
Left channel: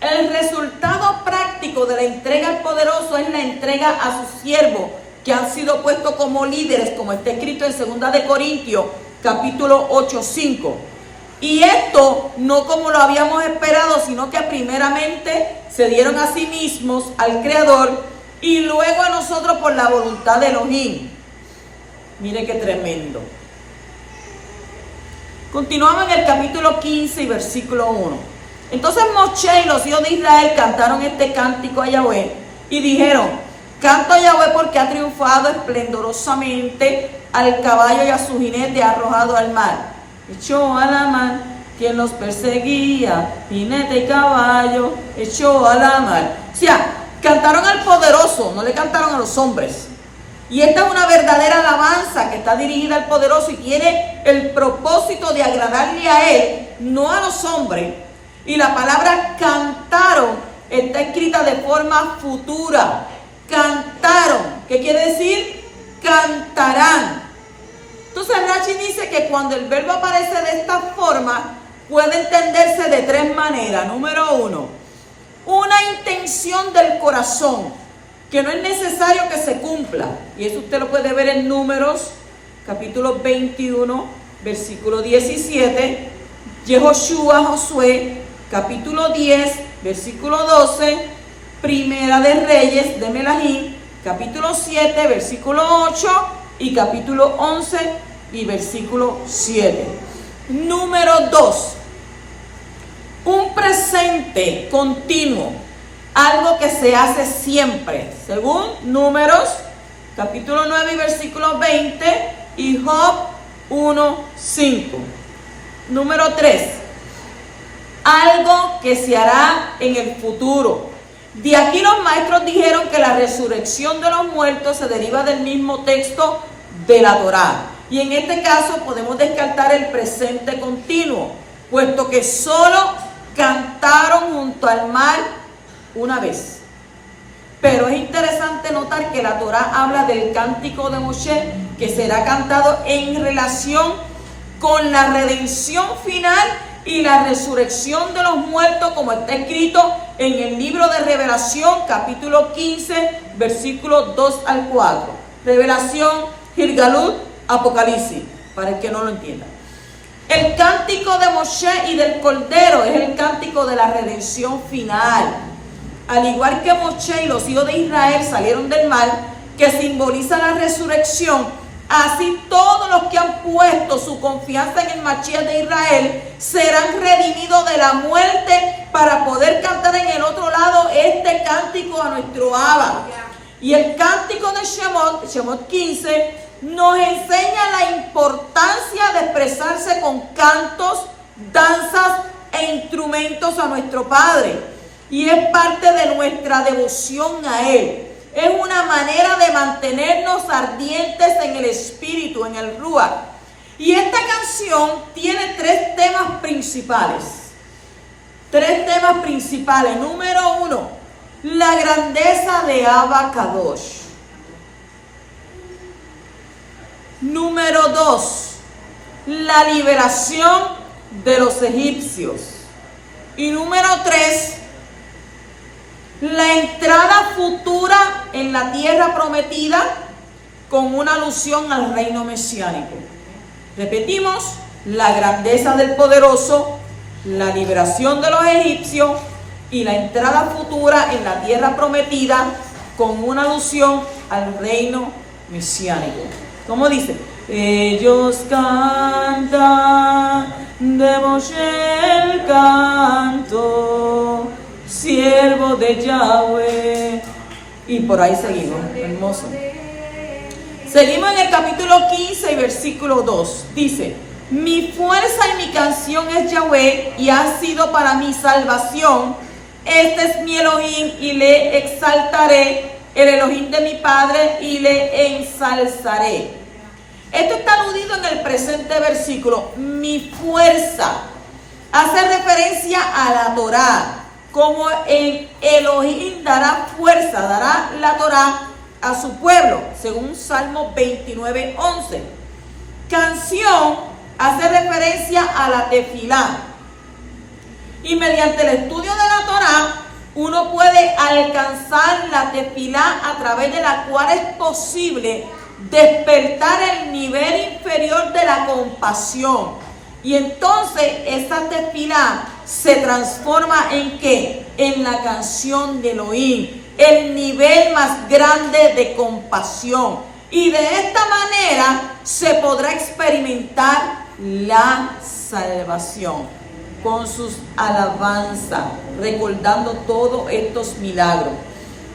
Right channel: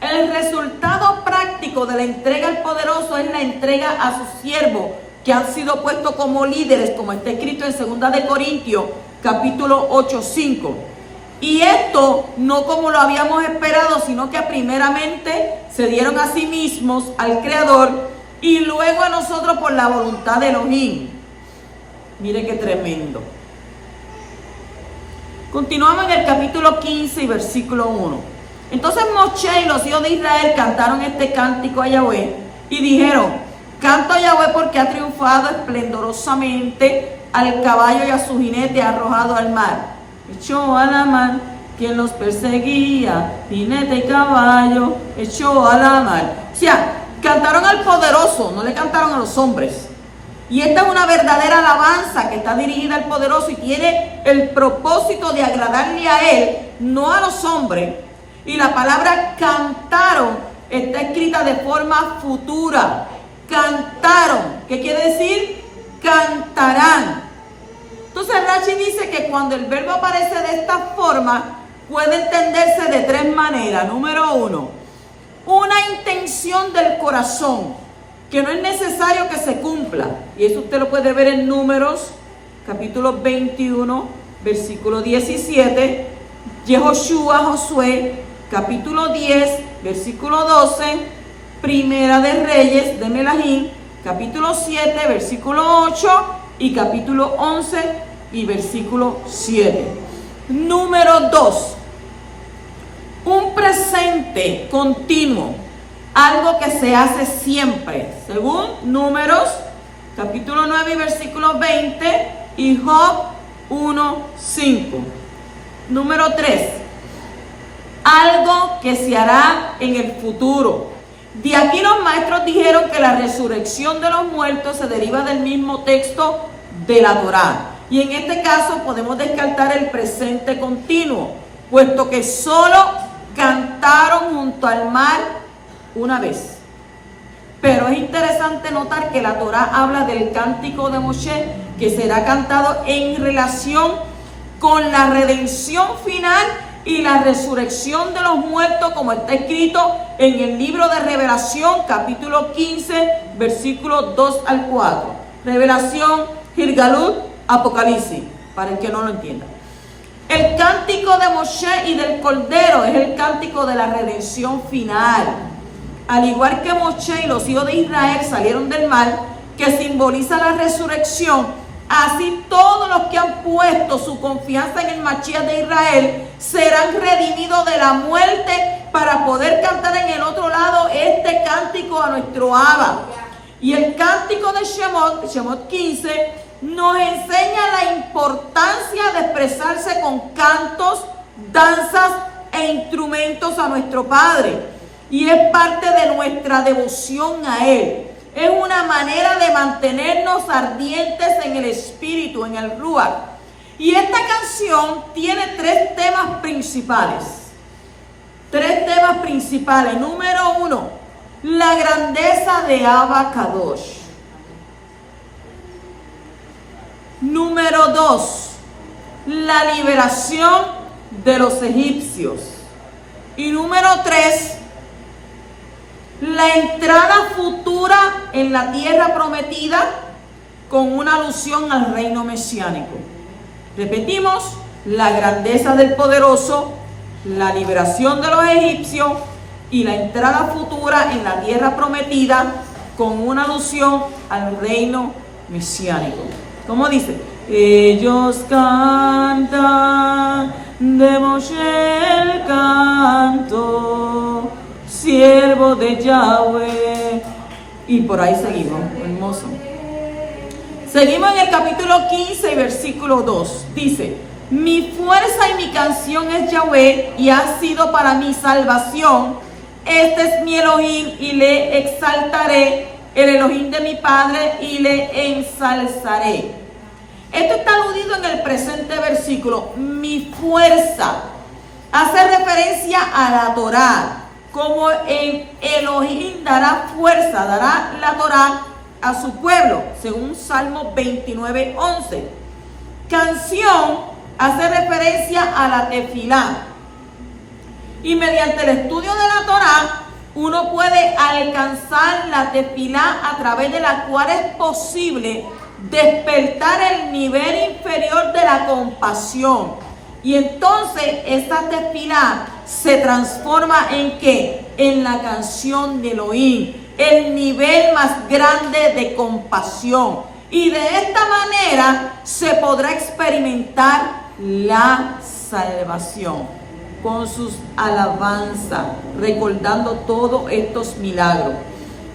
El resultado práctico de la entrega al poderoso es la entrega a sus siervos, que han sido puestos como líderes, como está escrito en 2 de Corintios, capítulo 8:5. Y esto no como lo habíamos esperado, sino que primeramente se dieron a sí mismos al Creador y luego a nosotros por la voluntad de Elohim. Mire qué tremendo. Continuamos en el capítulo 15 y versículo 1. Entonces Moshe y los hijos de Israel cantaron este cántico a Yahweh y dijeron: canto a Yahweh porque ha triunfado esplendorosamente, al caballo y a su jinete ha arrojado al mar. Echó a la mar quien los perseguía, jinete y caballo, echó a la mar. O sea, cantaron al poderoso, no le cantaron a los hombres. Y esta es una verdadera alabanza que está dirigida al poderoso y tiene el propósito de agradarle a él, no a los hombres. Y la palabra cantaron está escrita de forma futura. Cantaron, ¿qué quiere decir? Cantarán. Entonces Rashi dice que cuando el verbo aparece de esta forma, puede entenderse de 3 maneras. Número 1, una intención del corazón, que no es necesario que se cumpla. Y eso usted lo puede ver en Números, capítulo 21, versículo 17. Yehoshua, Josué, capítulo 10, versículo 12. Primera de Reyes de Melahim, capítulo 7, versículo 8. Y capítulo 11 y versículo 7. Número 2. Un presente continuo. Algo que se hace siempre. Según Números, capítulo 9 y versículo 20. Y Job 1:5. Número 3. Algo que se hará en el futuro. De aquí los maestros dijeron que la resurrección de los muertos se deriva del mismo texto de la Torá. Y en este caso podemos descartar el presente continuo, puesto que solo cantaron junto al mar una vez. Pero es interesante notar que la Torá habla del cántico de Moshe, que será cantado en relación con la redención final y la resurrección de los muertos, como está escrito en el libro de Revelación, capítulo 15, versículos 2 al 4. Revelación, Girgalut, Apocalipsis, para el que no lo entienda. El cántico de Moshe y del Cordero es el cántico de la redención final. Al igual que Moshe y los hijos de Israel salieron del mar, que simboliza la resurrección, así todos los que han puesto su confianza en el Mashiach de Israel serán redimidos de la muerte para poder cantar en el otro lado este cántico a nuestro Abba. Y el cántico de Shemot 15, nos enseña la importancia de expresarse con cantos, danzas e instrumentos a nuestro Padre. Y es parte de nuestra devoción a Él. Es una manera de mantenernos ardientes en el espíritu, en el Ruach. Y esta canción tiene 3 temas principales. 3 temas principales. Número 1, la grandeza de Abba Kadosh. Número 2, la liberación de los egipcios. Y número 3, la entrada futura en la tierra prometida con una alusión al reino mesiánico. Repetimos, la grandeza del poderoso, la liberación de los egipcios y la entrada futura en la tierra prometida con una alusión al reino mesiánico. ¿Cómo dice? Ellos cantan de Moshe el canto, siervo de Yahweh. Y por ahí seguimos, hermoso. Seguimos en el capítulo 15 y versículo 2. Dice: mi fuerza y mi canción es Yahweh, y ha sido para mi salvación. Este es mi Elohim, y le exaltaré, el Elohim de mi Padre, y le ensalzaré. Esto está aludido en el presente versículo. Mi fuerza hace referencia a la Torá. Como en Elohim dará fuerza, dará la Torá a su pueblo, según Salmo 29:11. Canción hace referencia a la tefilá. Y mediante el estudio de la Torá uno puede alcanzar la tefilá a través de la cual es posible despertar el nivel inferior de la compasión. Y entonces esa tefilá se transforma ¿en qué? En la canción de Elohim, el nivel más grande de compasión. Y de esta manera se podrá experimentar la salvación con sus alabanzas, recordando todos estos milagros.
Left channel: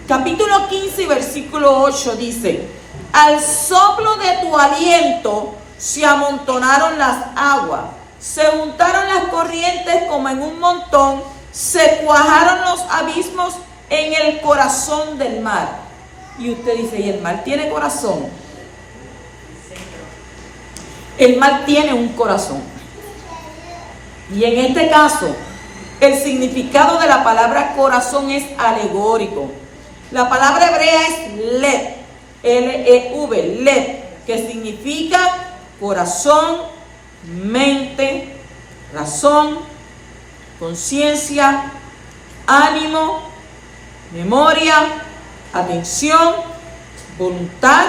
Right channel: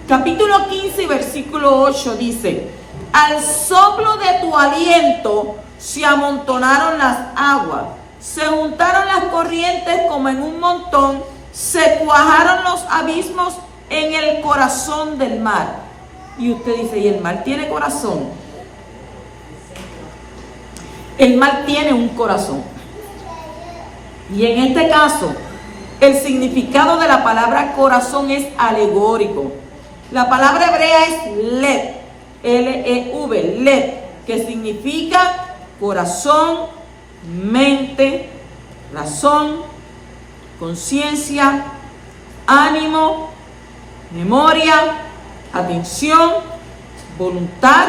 Capítulo 15 y versículo 8 dice: al soplo de tu aliento se amontonaron las aguas, se juntaron las corrientes como en un montón, se cuajaron los abismos en el corazón del mar. Y usted dice, ¿y el mar tiene corazón? El mar tiene un corazón. Y en este caso, el significado de la palabra corazón es alegórico. La palabra hebrea es lev, L-E-V, lev, que significa corazón, mente, razón, conciencia, ánimo, memoria, atención, voluntad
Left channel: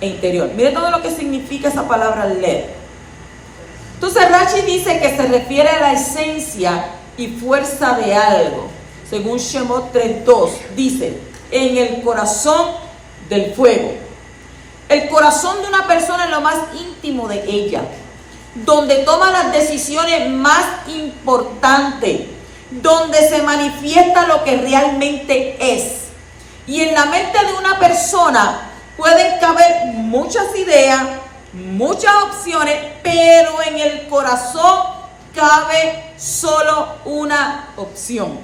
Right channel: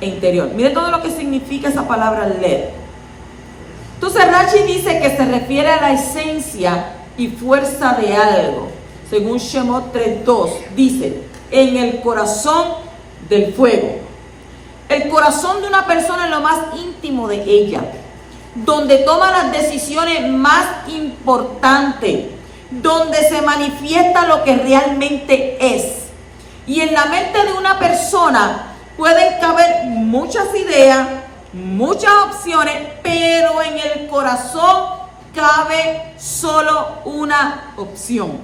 e interior. Mire todo lo que significa esa palabra lev. Entonces Rashi dice que se refiere a la esencia y fuerza de algo. Según Shemot 3:2 dice, en el corazón del fuego. El corazón de una persona es lo más íntimo de ella, donde toma las decisiones más importantes, donde se manifiesta lo que realmente es. Y en la mente de una persona pueden caber muchas ideas, muchas opciones, pero en el corazón cabe solo una opción.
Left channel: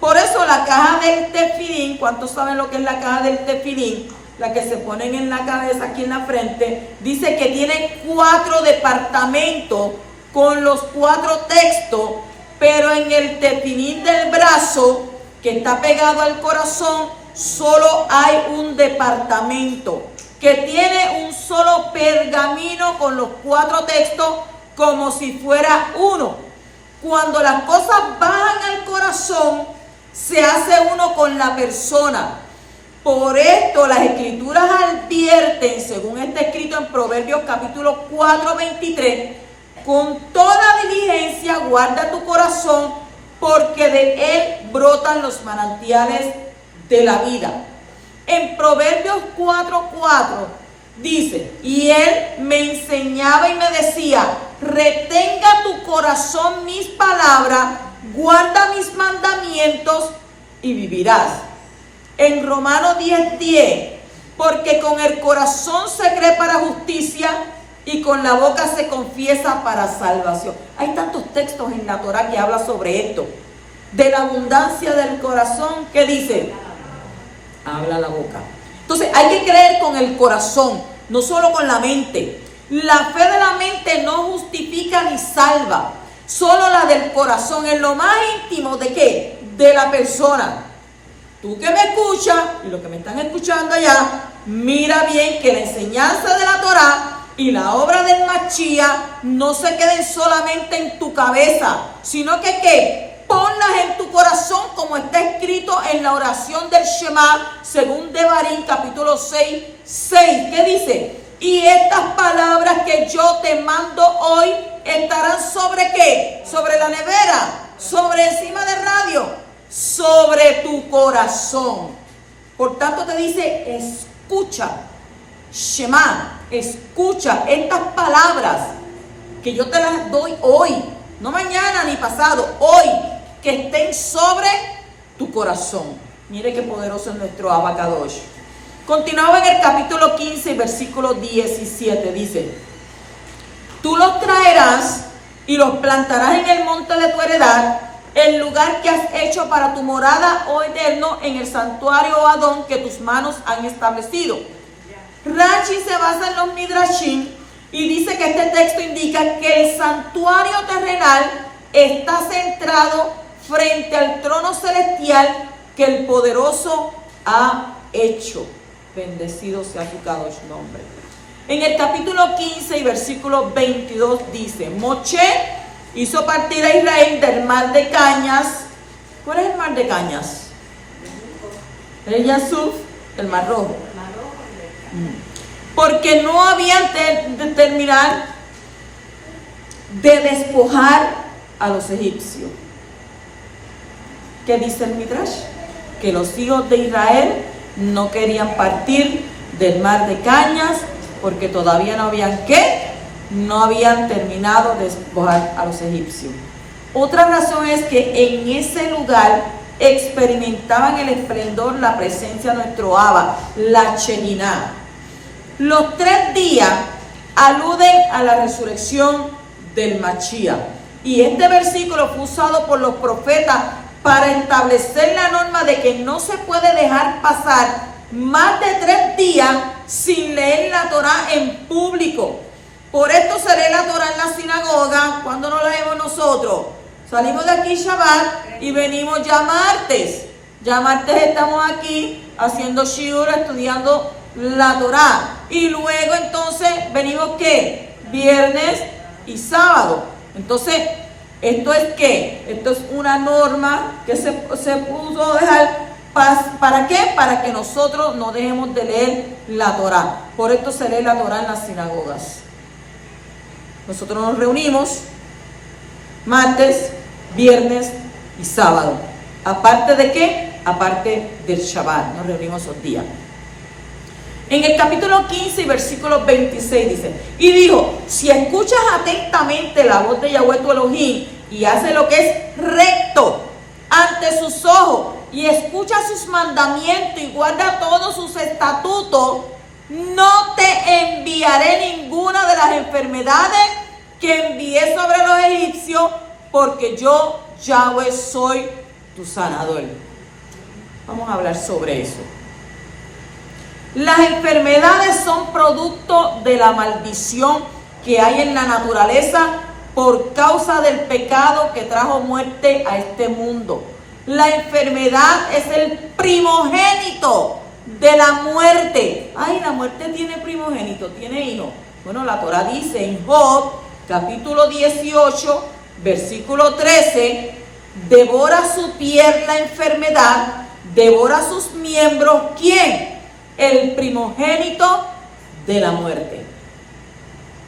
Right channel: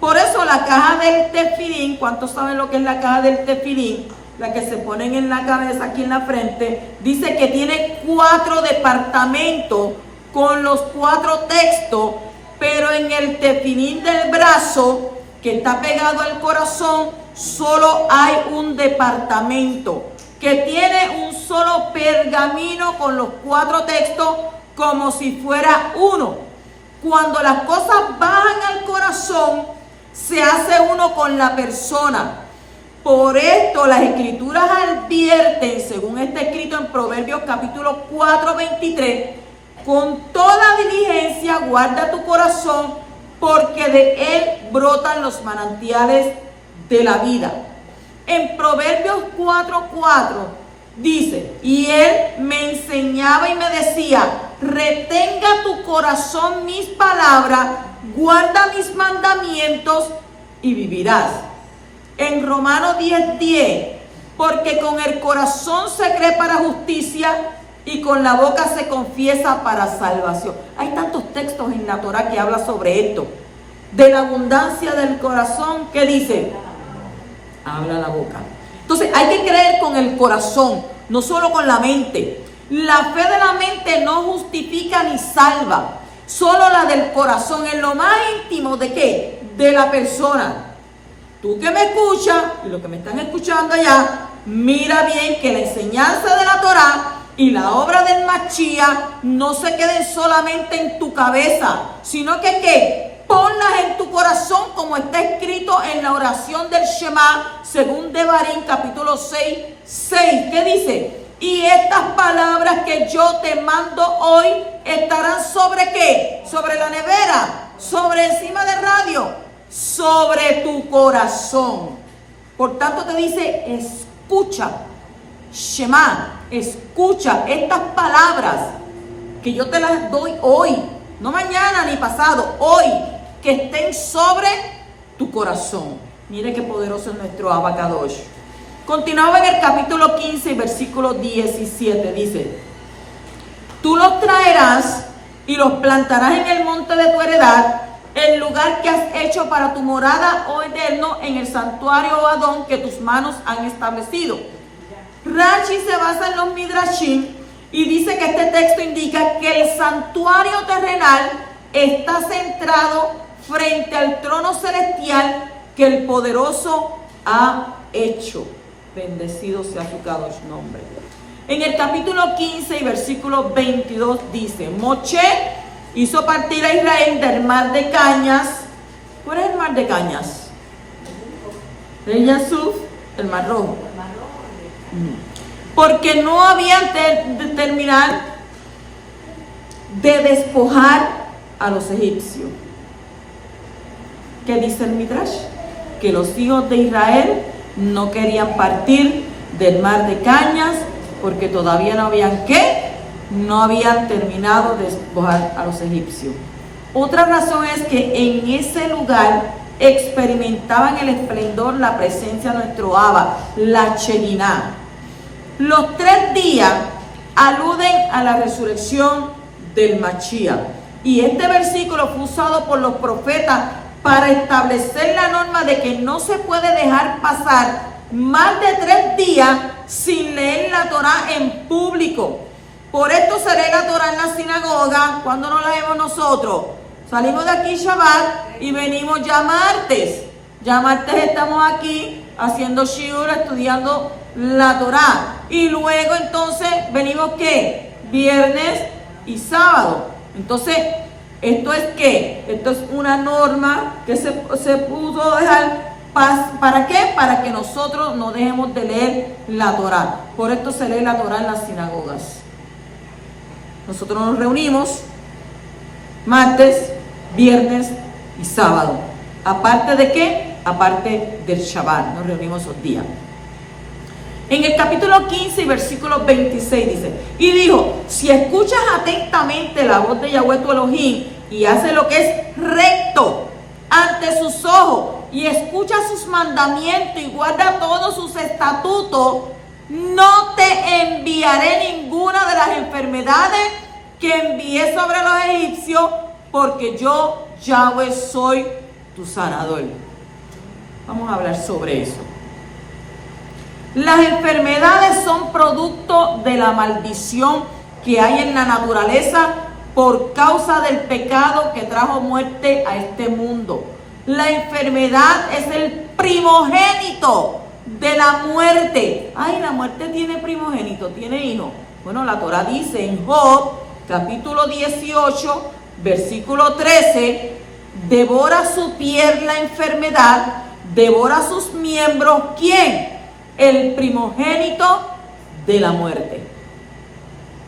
Por eso la caja del tefilín, ¿cuántos saben lo que es la caja del tefilín? La que se ponen en la cabeza, aquí en la frente, dice que tiene 4 departamentos con los 4 textos, pero en el tefilín del brazo, que está pegado al corazón, solo hay un departamento que tiene un solo pergamino con los 4 textos como si fuera uno. Cuando las cosas bajan al corazón, se hace uno con la persona. Por esto las escrituras advierten, según está escrito en Proverbios capítulo 4:23, con toda diligencia guarda tu corazón, porque de él brotan los manantiales de la vida. En Proverbios 4:4 dice, y él me enseñaba y me decía, retenga tu corazón mis palabras, guarda mis mandamientos y vivirás. En Romanos 10:10, porque con el corazón se cree para justicia y con la boca se confiesa para salvación. Hay tantos textos en la Torá que habla sobre esto. De la abundancia del corazón, ¿qué dice? Habla la boca. Entonces hay que creer con el corazón, no solo con la mente. La fe de la mente no justifica ni salva. Solo la del corazón, en lo más íntimo de ¿qué? De la persona. Tú que me escuchas y los que me están escuchando allá, mira bien que la enseñanza de la Torá y la obra del Mashiach no se queden solamente en tu cabeza, sino que ¿qué? Ponlas en tu corazón como está escrito en la oración del Shema, según Devarim capítulo 6:6. ¿Qué dice? Y estas palabras que yo te mando hoy estarán sobre ¿qué? Sobre la nevera, sobre encima del radio, sobre tu corazón. Por tanto te dice, escucha, Shema, escucha estas palabras que yo te las doy hoy, no mañana ni pasado, hoy, que estén sobre tu corazón. Mire qué poderoso es nuestro Abacadosh. Continuaba en el capítulo 15, versículo 17, dice, tú los traerás y los plantarás en el monte de tu heredad, el lugar que has hecho para tu morada, oh Eterno, en el santuario, oh Adón, que tus manos han establecido. Rashi se basa en los Midrashim y dice que este texto indica que el santuario terrenal está centrado frente al trono celestial que el poderoso ha hecho. Bendecido sea tu Kadosh nombre. En el capítulo 15 y versículo 22 dice, Moshe hizo partir a Israel del mar de Cañas ¿Cuál es el mar de Cañas? El Yasuf, el mar rojo. Porque no habían de terminar de despojar a los egipcios. ¿Qué dice el Midrash? Que los hijos de Israel no querían partir del mar de Cañas porque todavía no habían no habían terminado de despojar a los egipcios. Otra razón es que en ese lugar experimentaban el esplendor, la presencia de nuestro Abba, la Shekinah. Los 3 días aluden a la resurrección del Mashiach. Y este versículo fue usado por los profetas para establecer la norma de que no se puede dejar pasar más de 3 días sin leer la Torah en público. Por esto se lee la Torah en la sinagoga. Cuando no la leemos nosotros, salimos de aquí Shabbat y venimos ya martes. Ya martes estamos aquí haciendo shiur, estudiando la Torah. Y luego entonces venimos ¿qué? Viernes y sábado. Entonces, ¿esto es qué? Esto es una norma que se puso a dejar. ¿Para qué? Para que nosotros no dejemos de leer la Torah. Por esto se lee la Torah en las sinagogas. Nosotros nos reunimos martes, viernes y sábado. ¿Aparte de qué? Aparte del Shabbat. Nos reunimos esos días. En el capítulo 15 y versículo 26 dice: y dijo, si escuchas atentamente la voz de Yahweh tu Elohim y haces lo que es recto ante sus ojos y escucha sus mandamientos y guarda todos sus estatutos, no te enviaré ninguna de las enfermedades que envié sobre los egipcios, porque yo, Yahweh, soy tu sanador. Vamos a hablar sobre eso. Las enfermedades son producto de la maldición que hay en la naturaleza por causa del pecado que trajo muerte a este mundo. La enfermedad es el primogénito de la muerte. Ay, la muerte tiene primogénito, tiene hijo. Bueno, la Torah dice en Job, capítulo 18, versículo 13, devora su piel la enfermedad, devora sus miembros, ¿quién? El primogénito de la muerte.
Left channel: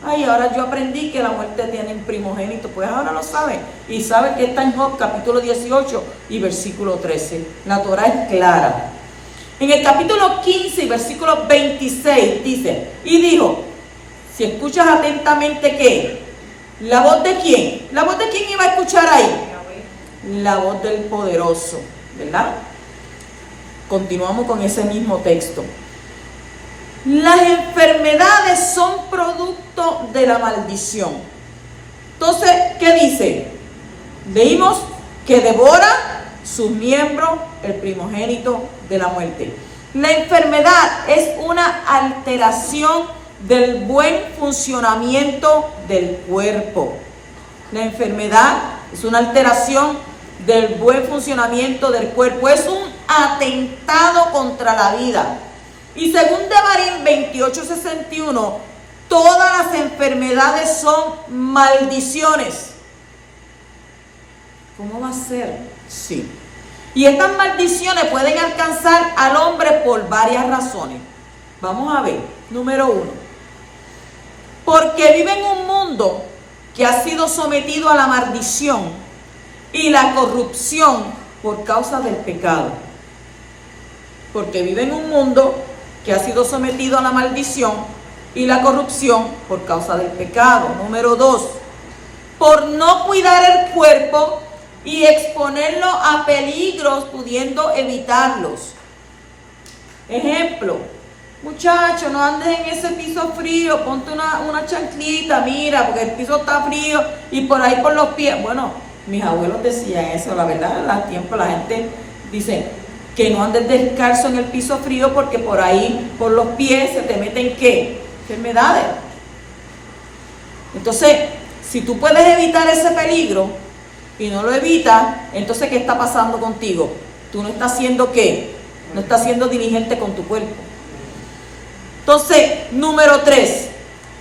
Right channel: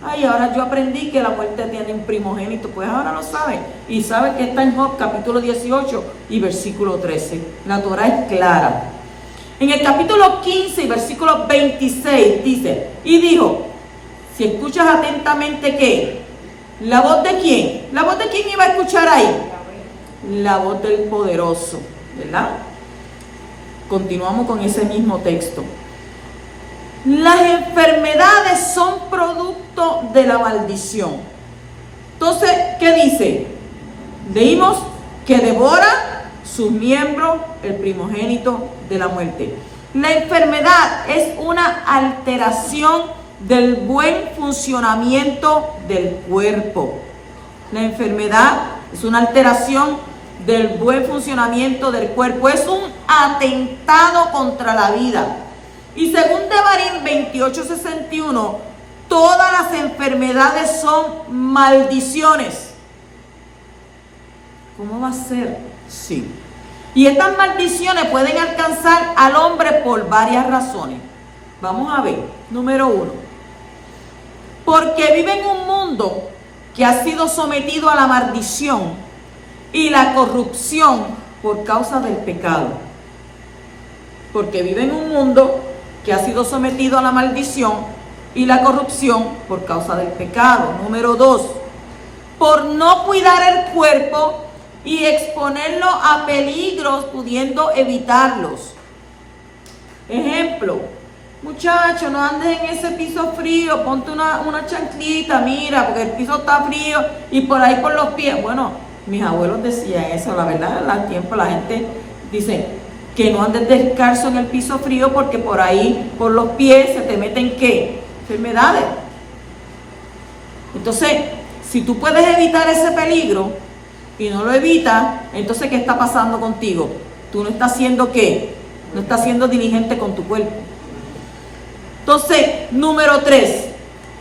Ay, ahora yo aprendí que la muerte tiene un primogénito, pues ahora lo sabe. Y sabe que está en Job capítulo 18 y versículo 13. La Torah es clara. En el capítulo 15 y versículo 26 dice, y dijo, si escuchas atentamente ¿qué? ¿La voz de quién? ¿La voz de quién iba a escuchar ahí? La voz del poderoso, ¿verdad? Continuamos con ese mismo texto. Las enfermedades son producto de la maldición. Entonces, ¿qué dice? Leímos que devora sus miembros el primogénito de la muerte. La enfermedad es una alteración del buen funcionamiento del cuerpo. La enfermedad es una alteración del buen funcionamiento del cuerpo. Es un atentado contra la vida. Y según Devarim 28:61, todas las enfermedades son maldiciones. ¿Cómo va a ser? Sí. Y estas maldiciones pueden alcanzar al hombre por varias razones. Vamos a ver. Número 1. Porque vive en un mundo que ha sido sometido a la maldición y la corrupción por causa del pecado. Porque vive en un mundo que ha sido sometido a la maldición y la corrupción por causa del pecado. Número 2, por no cuidar el cuerpo y exponerlo a peligros pudiendo evitarlos. Ejemplo, muchacho, no andes en ese piso frío, ponte una chanclita, mira, porque el piso está frío y por ahí por los pies. Bueno, mis abuelos decían eso, la verdad, al tiempo la gente dice que no andes descalzo en el piso frío porque por ahí, por los pies, se te meten ¿qué? Enfermedades. Entonces, si tú puedes evitar ese peligro y no lo evitas, entonces ¿qué está pasando contigo? Tú no estás haciendo ¿qué? No estás siendo diligente con tu cuerpo. Entonces, número 3,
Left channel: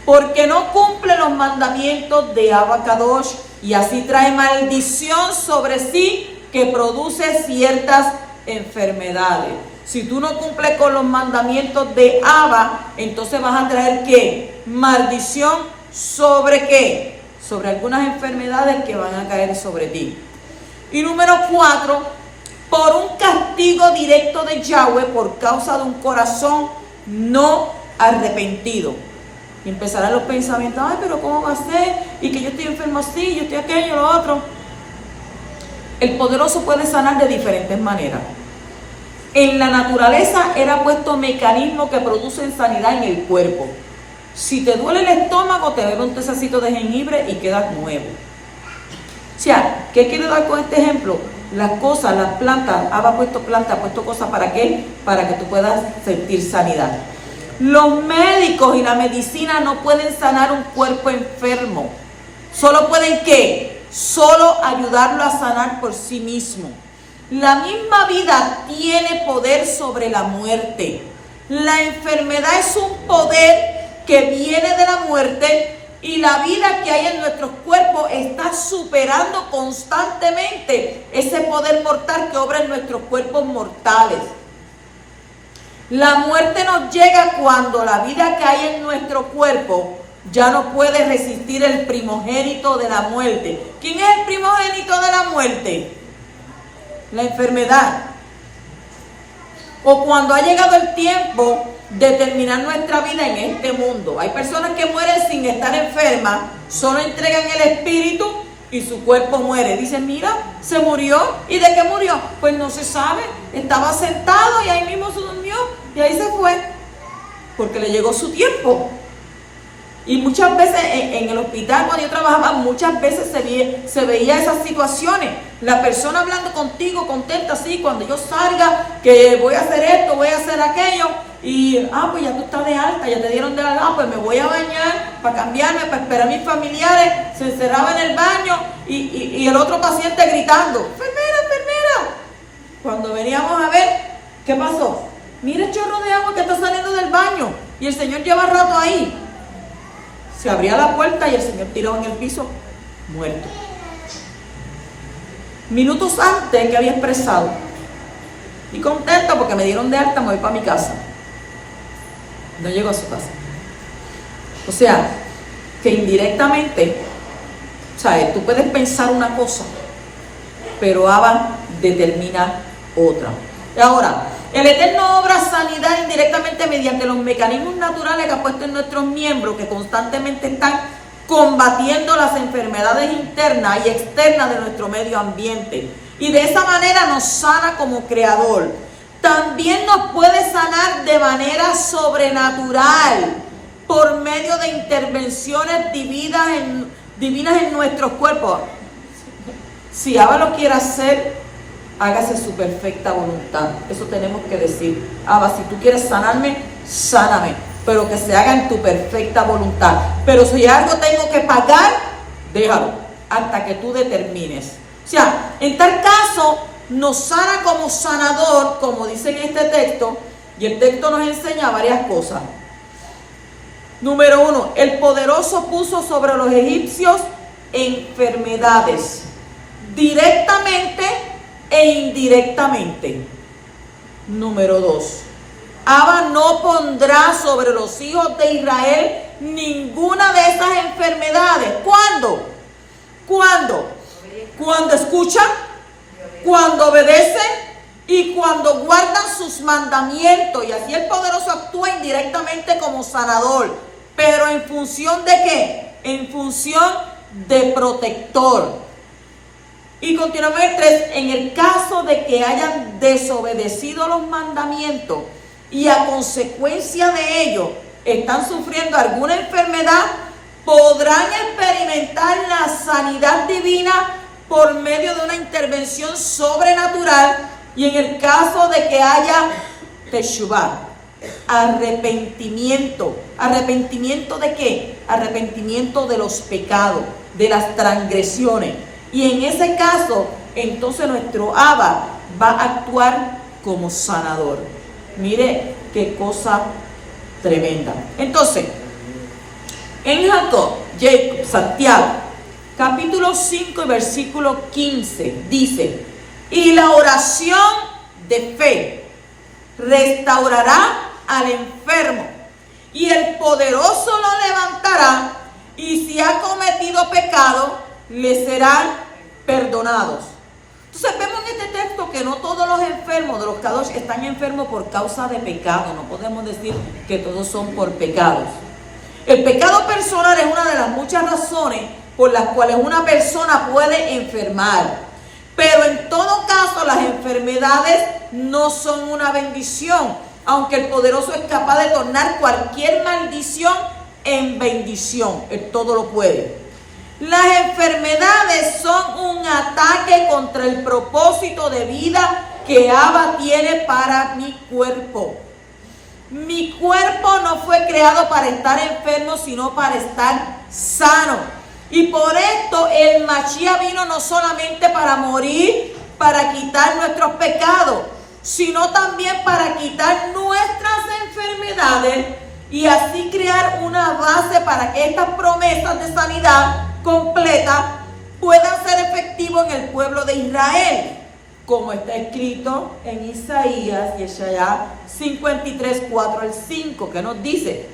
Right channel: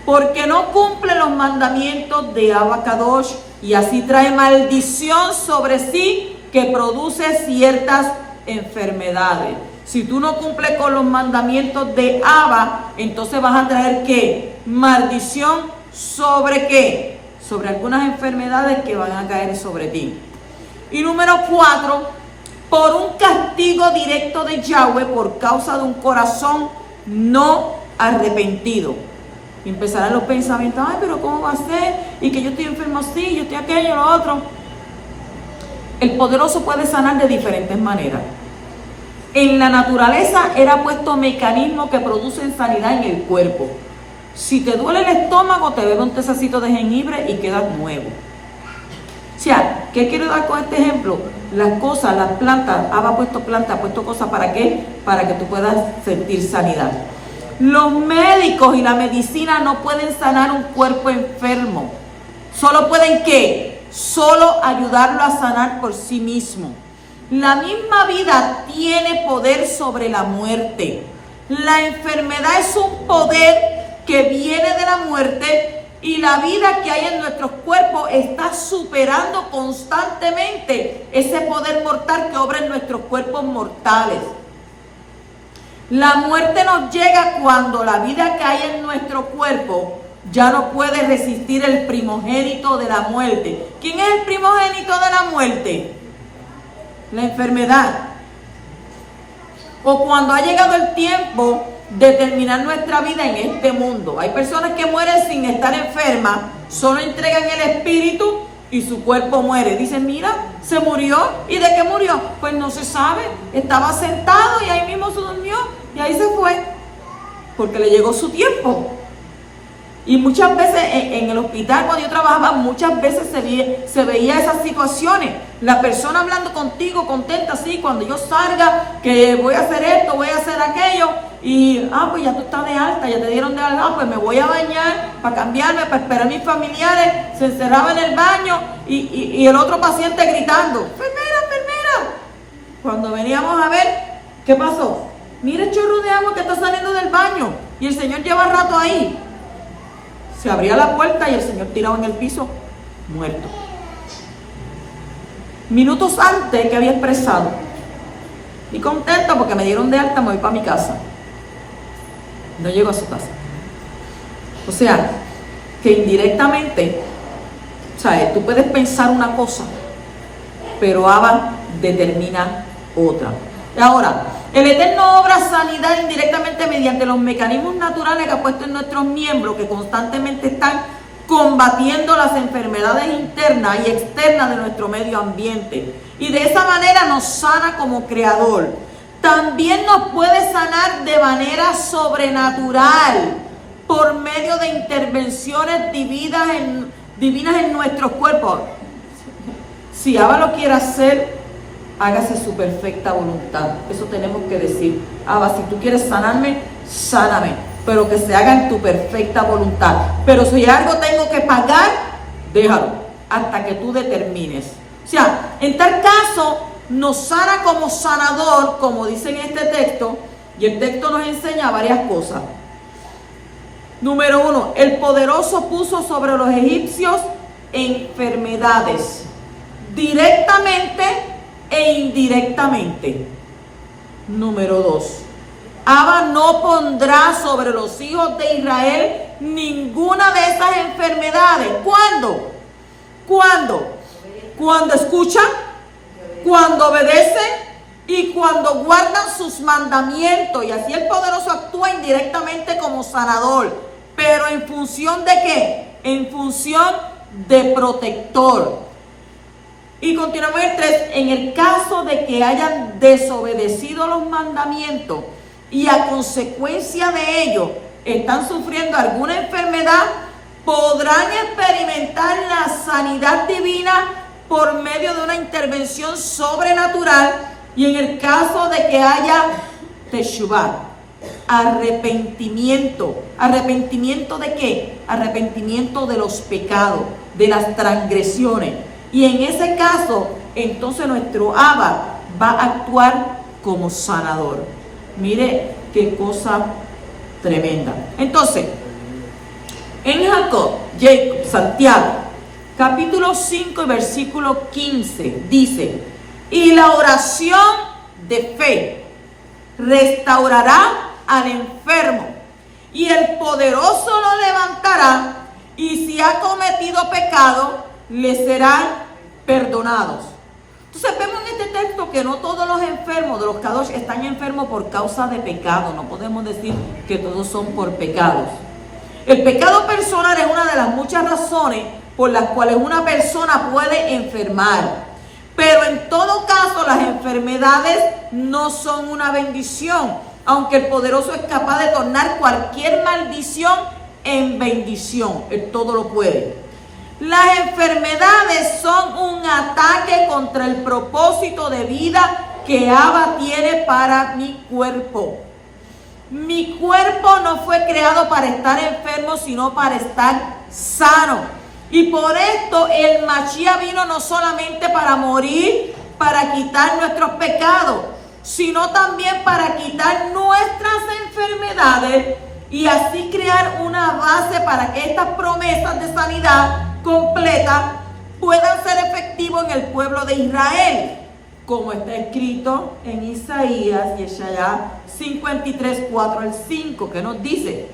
porque no cumple los mandamientos de Abba Kadosh y así trae maldición sobre sí que produce ciertas enfermedades. Si tú no cumples con los mandamientos de Abba, entonces vas a traer ¿qué? Maldición sobre ¿qué? Sobre algunas enfermedades que van a caer sobre ti. Y número 4, por un castigo directo de Yahweh por causa de un corazón no arrepentido. Y empezarán los pensamientos, ay, pero ¿cómo va a ser? Y que yo estoy enfermo así, yo estoy aquello, lo otro. El poderoso puede sanar de diferentes maneras. En la naturaleza era puesto mecanismos que producen sanidad en el cuerpo. Si te duele el estómago, te bebes un tececito de jengibre y quedas nuevo. O sea, ¿qué quiero dar con este ejemplo? Las cosas, las plantas, ha puesto plantas, ha puesto cosas, ¿para qué? Para que tú puedas sentir sanidad. Los médicos y la medicina no pueden sanar un cuerpo enfermo. Solo pueden ¿qué? Solo ayudarlo a sanar por sí mismo. La misma vida tiene poder sobre la muerte. La enfermedad es un poder que viene de la muerte y la vida que hay en nuestros cuerpos está superando constantemente ese poder mortal que obra en nuestros cuerpos mortales. La muerte nos llega cuando la vida que hay en nuestro cuerpo ya no puede resistir el primogénito de la muerte. ¿Quién es el primogénito de la muerte? La enfermedad. O cuando ha llegado el tiempo de terminar nuestra vida en este mundo. Hay personas que mueren sin estar enfermas, solo entregan el espíritu y su cuerpo muere. Dicen, mira, se murió. ¿Y de qué murió? Pues no se sabe. Estaba sentado y ahí mismo se durmió y ahí se fue. Porque le llegó su tiempo. Y muchas veces en el hospital cuando yo trabajaba, muchas veces se veía esas situaciones. La persona hablando contigo, contenta, así, cuando yo salga, que voy a hacer esto, voy a hacer aquello. Y, pues ya tú estás de alta, ya te dieron de alta, pues me voy a bañar para cambiarme, para esperar a mis familiares. Se encerraba en el baño y el otro paciente gritando, enfermera, enfermera. Cuando veníamos a ver, ¿qué pasó? Mira el chorro de agua que está saliendo del baño. Y el señor lleva rato ahí. Se abría la puerta y el señor tirado en el piso, muerto. Minutos antes que había expresado, y contento porque me dieron de alta, me voy para mi casa. No llego a su casa. O sea, que indirectamente, ¿sabes? Tú puedes pensar una cosa, pero Abba determina otra. Y ahora, el Eterno obra sanidad indirectamente mediante los mecanismos naturales que ha puesto en nuestros miembros, que constantemente están combatiendo las enfermedades internas y externas de nuestro medio ambiente. Y de esa manera nos sana como creador. También nos puede sanar de manera sobrenatural por medio de intervenciones divinas en nuestros cuerpos. Si Abba lo quiere hacer, hágase su perfecta voluntad. Eso tenemos que decir. Abba, si tú quieres sanarme, sáname, pero que se haga en tu perfecta voluntad. Pero si algo tengo que pagar, déjalo, hasta que tú determines. O sea, en tal caso, nos sana como sanador, como dice en este texto, y el texto nos enseña varias cosas. Número 1, el poderoso puso sobre los egipcios enfermedades, directamente e indirectamente. Número 2, Abba no pondrá sobre los hijos de Israel ninguna de esas enfermedades. ¿Cuándo? ¿Cuándo? Cuando escuchan, cuando obedecen y cuando guardan sus mandamientos. Y así el poderoso actúa indirectamente como sanador. ¿Pero en función de qué? En función de protector. Y continuamos el 3. En el caso de que hayan desobedecido los mandamientos y a consecuencia de ello están sufriendo alguna enfermedad, podrán experimentar la sanidad divina por medio de una intervención sobrenatural. Y en el caso de que haya teshuvah, arrepentimiento. ¿Arrepentimiento de qué? Arrepentimiento de los pecados, de las transgresiones. Y en ese caso, entonces nuestro Abba va a actuar como sanador. Mire qué cosa tremenda. Entonces, en Jacob, Santiago, capítulo 5 y versículo 15, dice: Y la oración de fe restaurará al enfermo, y el poderoso lo levantará, y si ha cometido pecado, le serán perdonados. Entonces vemos en este texto que no todos los enfermos de los Kadosh están enfermos por causa de pecado. No podemos decir que todos son por pecados. El pecado personal es una de las muchas razones por las cuales una persona puede enfermar. Pero en todo caso, las enfermedades no son una bendición, aunque el poderoso es capaz de tornar cualquier maldición en bendición. Él todo lo puede. Las enfermedades son un ataque contra el propósito de vida que Abba tiene para mi cuerpo. Mi cuerpo no fue creado para estar enfermo, sino para estar sano. Y por esto el Mashiach vino no solamente para morir, para quitar nuestros pecados, sino también para quitar nuestras enfermedades y así crear una base para que estas promesas de sanidad completa puedan ser efectivos en el pueblo de Israel, como está escrito en Isaías, Yeshaya 53, 4 al 5, que nos dice:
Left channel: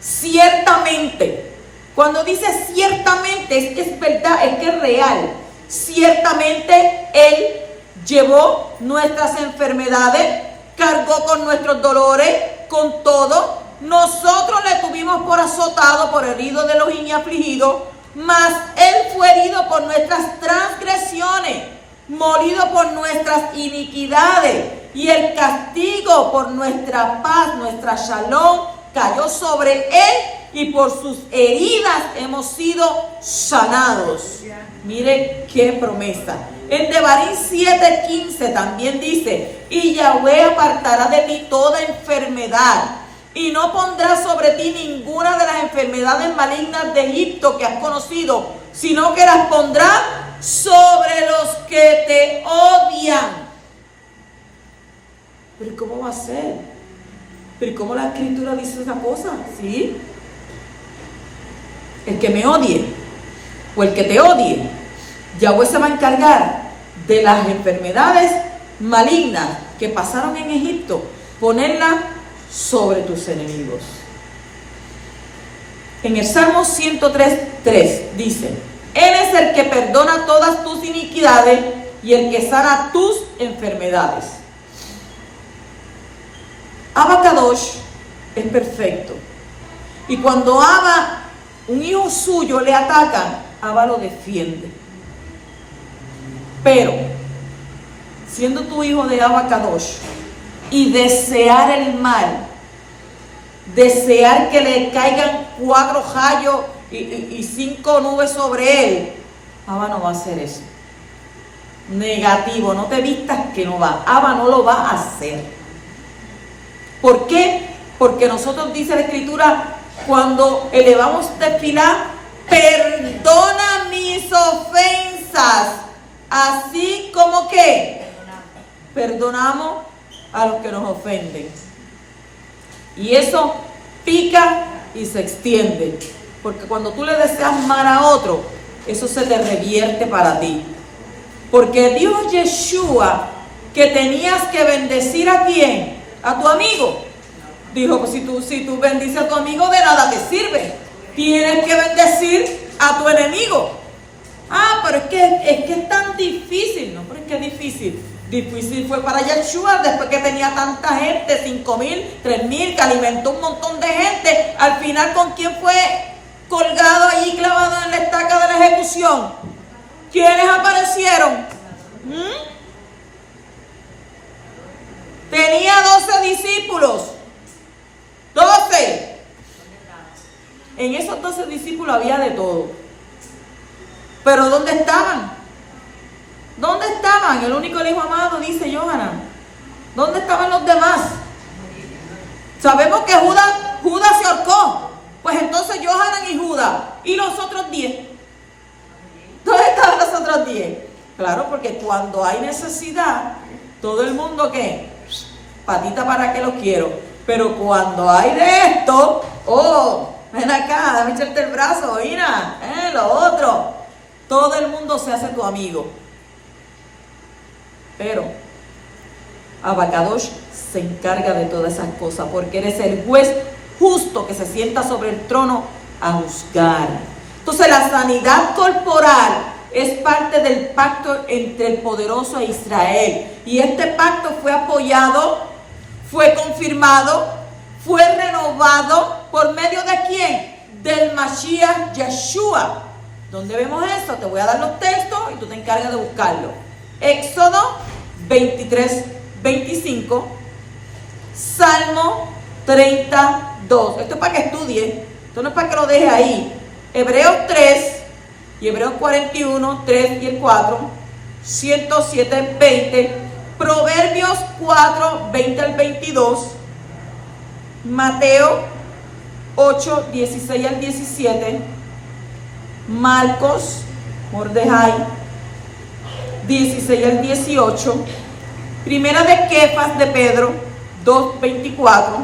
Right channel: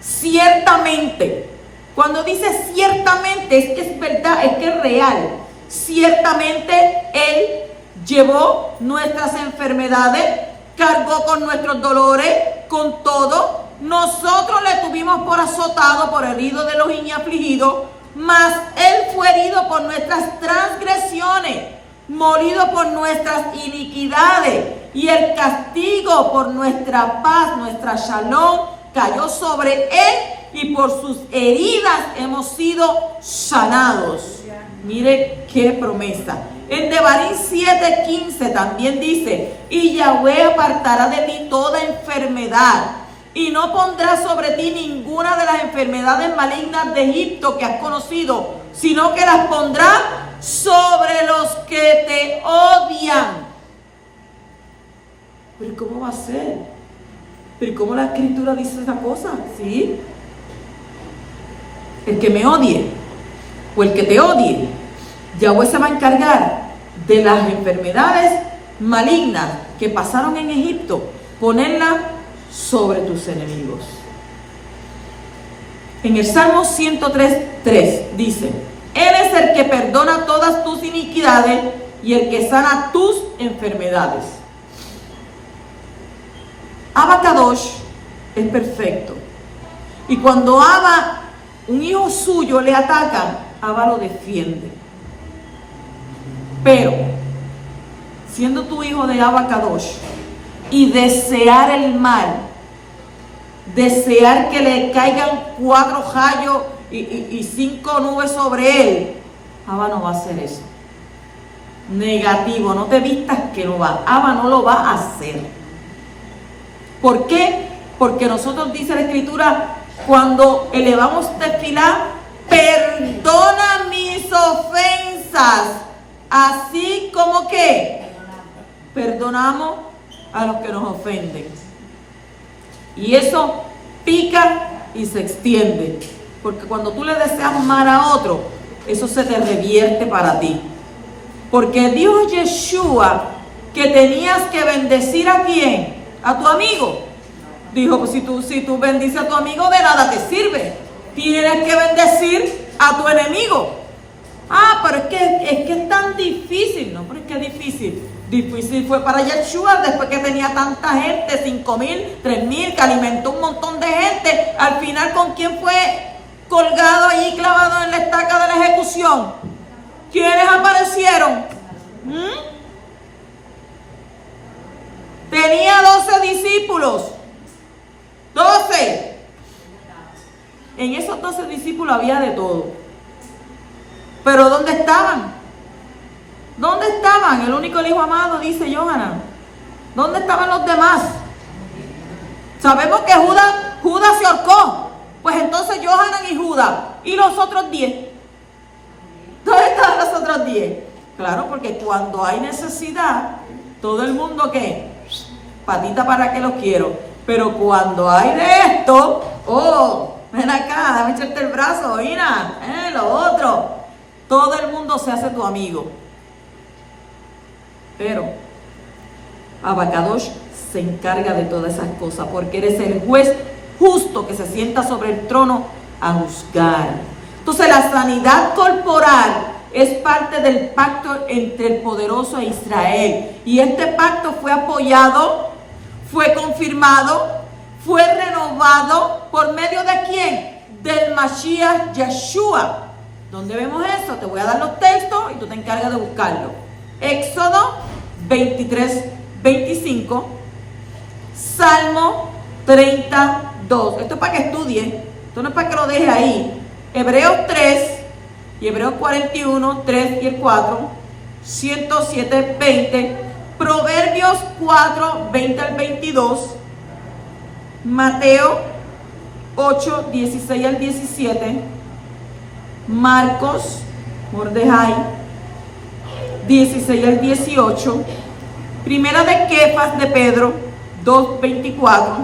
ciertamente, cuando dice ciertamente es que es verdad, es que es real. Ciertamente Él llevó nuestras enfermedades, cargó con nuestros dolores, con todo. Nosotros le tuvimos por azotado, por herido de Elohim y afligido, mas Él fue herido por nuestras transgresiones, molido por nuestras iniquidades, y el castigo por nuestra paz, nuestra shalom, cayó sobre Él, y por sus heridas hemos sido sanados. Mire qué promesa. En Devarim 7:15 también dice: y Yahweh apartará de ti toda enfermedad, y no pondrá sobre ti ninguna de las enfermedades malignas de Egipto que has conocido, sino que las pondrá sobre los que te odian. Pero ¿cómo va a ser? ¿Pero cómo la Escritura dice esa cosa? ¿Sí? El que me odie, o el que te odie, Yahweh se va a encargar de las enfermedades malignas que pasaron en Egipto, ponerlas sobre tus enemigos. En el Salmo 103:3 dice: Él es el que perdona todas tus iniquidades y el que sana tus enfermedades. Abba Kadosh es perfecto, y cuando Abba, un hijo suyo, le atacan, Abba lo defiende. Pero siendo tu hijo de Abba Kadosh y desear el mal, desear que le caigan 4 rayos y 5 nubes sobre él, Abba no va a hacer eso. Negativo, no te vistas que no va. Abba no lo va a hacer. ¿Por qué? Porque nosotros, dice la Escritura, cuando elevamos tefilá, perdona mis ofensas, así como que perdonamos a los que nos ofenden. Y eso pica y se extiende, porque cuando tú le deseas mal a otro, eso se te revierte para ti. Porque dijo Yeshua que tenías que bendecir ¿a quién? A tu amigo. Dijo, pues si tú bendices a tu amigo, de nada te sirve. Tienes que bendecir a tu enemigo. Ah, pero es que es tan difícil. No, pero es que es difícil. Difícil fue para Yeshua después que tenía tanta gente, 5,000, 3,000, que alimentó un montón de gente. Al final, ¿con quién fue colgado ahí, clavado en la estaca de la ejecución? ¿Quiénes aparecieron? Tenía 12 discípulos. 12. En esos 12 discípulos había de todo. Pero ¿dónde estaban? ¿Dónde estaban? El único hijo amado, dice Yohanan. ¿Dónde estaban los demás? Sabemos que Judas se ahorcó. Pues entonces Yohanan y Judas. ¿Y los otros 10? ¿Dónde estaban los otros 10? Claro, porque cuando hay necesidad, todo el mundo, ¿qué? Patita para que los quiero. Pero cuando hay de esto, ven acá, déjame echarte el brazo, mira, lo otro. Todo el mundo se hace tu amigo. Pero Abacadosh se encarga de todas esas cosas, porque eres el juez justo que se sienta sobre el trono a juzgar. Entonces la sanidad corporal es parte del pacto entre el poderoso e Israel. Y este pacto fue apoyado, fue confirmado, fue renovado por medio de ¿quién? Del Mashiach Yeshua. ¿Dónde vemos eso? Te voy a dar los textos y tú te encargas de buscarlo. Éxodo 23, 25. Salmo 32. Esto es para que estudie. Esto no es para que lo deje ahí. Hebreos 3 y Hebreos 41, 3 y el 4. 107, 20. Proverbios 4, 20 al 22. Mateo 8, 16 al 17. Marcos, Mordejai 16 al 18. Primera de Kefas de Pedro 2, 24.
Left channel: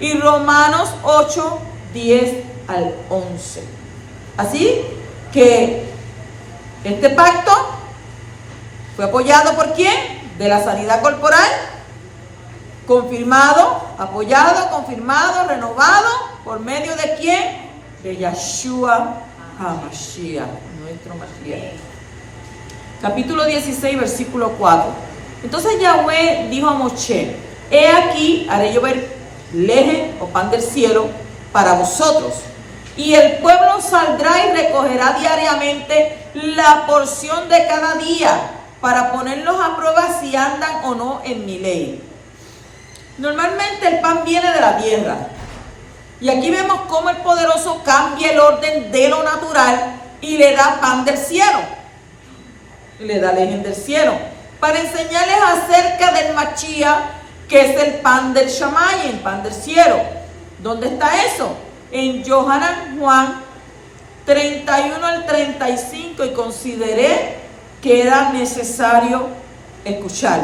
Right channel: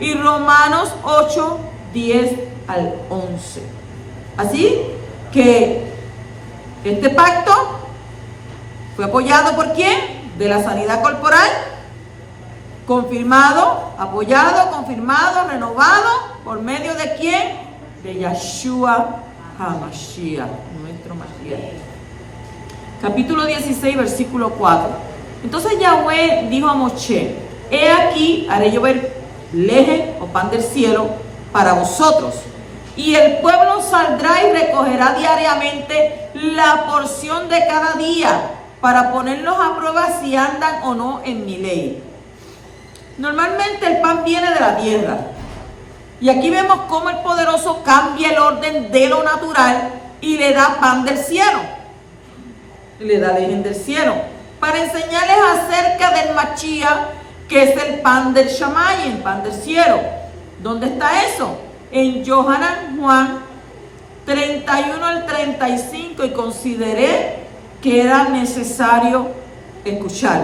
Y Romanos 8, 10 al 11. Así que este pacto fue apoyado por ¿quién? De la sanidad corporal, confirmado, apoyado, confirmado, renovado, ¿por medio de quién? De Yeshua HaMashiach, nuestro Mashiach. Capítulo 16, versículo 4. Entonces Yahweh dijo a Moshe: he aquí, haré llover leje o pan del cielo para vosotros, y el pueblo saldrá y recogerá diariamente la porción de cada día, para ponerlos a prueba si andan o no en mi ley. Normalmente el pan viene de la tierra, y aquí vemos cómo el poderoso cambia el orden de lo natural y le da pan del cielo, le da leche del cielo, para enseñarles acerca del Mashiach, que es el pan del Shamayim, pan del cielo. ¿Dónde está eso? En Yohanan Juan 31 al 35, y consideré que era necesario escuchar.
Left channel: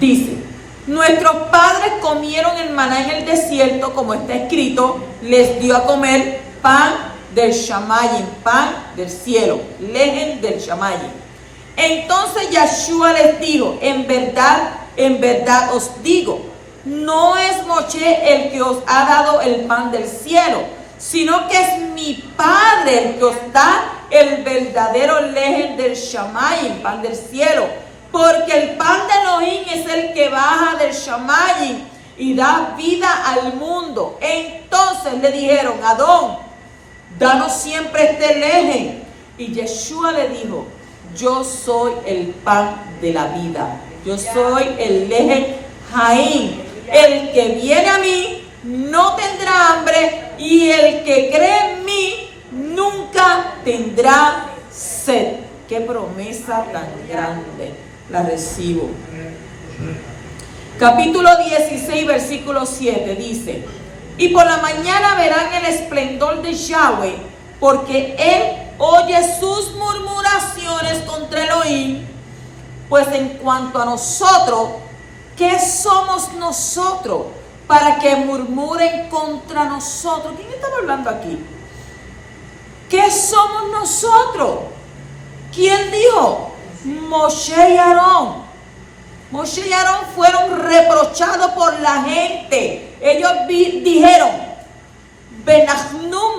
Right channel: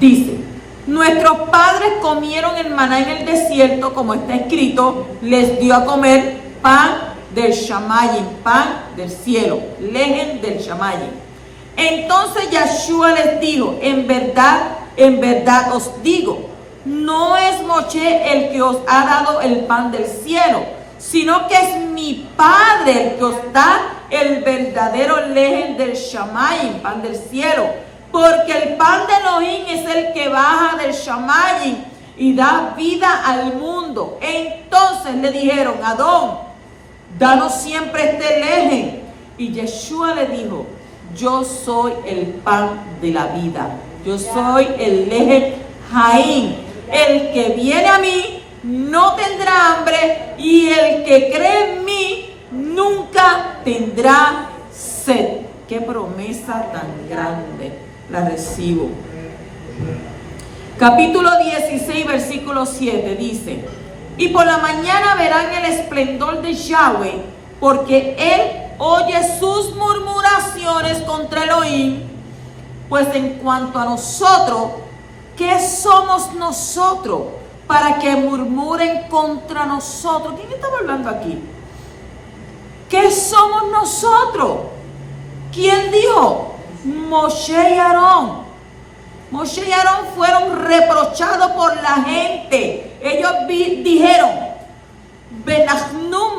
Dice: nuestros padres comieron el maná en el desierto, como está escrito, les dio a comer pan del Shamayim, pan del cielo, lejen del Shamayim. Entonces Yeshua les dijo: en verdad os digo, no es Moshe el que os ha dado el pan del cielo, sino que es mi Padre el que os da el verdadero lejen del Shamayim, pan del cielo. Porque el pan de Elohim es el que baja del Shamayim y da vida al mundo. Entonces le dijeron: Adón, danos siempre este lejen. Y Yeshua le dijo: yo soy el pan de la vida. Yo soy el lejen Jaim. El que viene a mí no tendrá hambre, y el que cree en mí nunca tendrá sed. Qué promesa tan grande. La recibo. Capítulo 16, versículo 7 dice: y por la mañana verán el esplendor de Yahweh, porque él oye sus murmuraciones contra Elohim. Pues en cuanto a nosotros, ¿qué somos nosotros para que murmuren contra nosotros? ¿Quién estaba hablando aquí? ¿Qué somos nosotros? ¿Quién dijo? Moshe y Aarón. Moshe y Aarón fueron reprochados por la gente. Ellos dijeron: Benachnu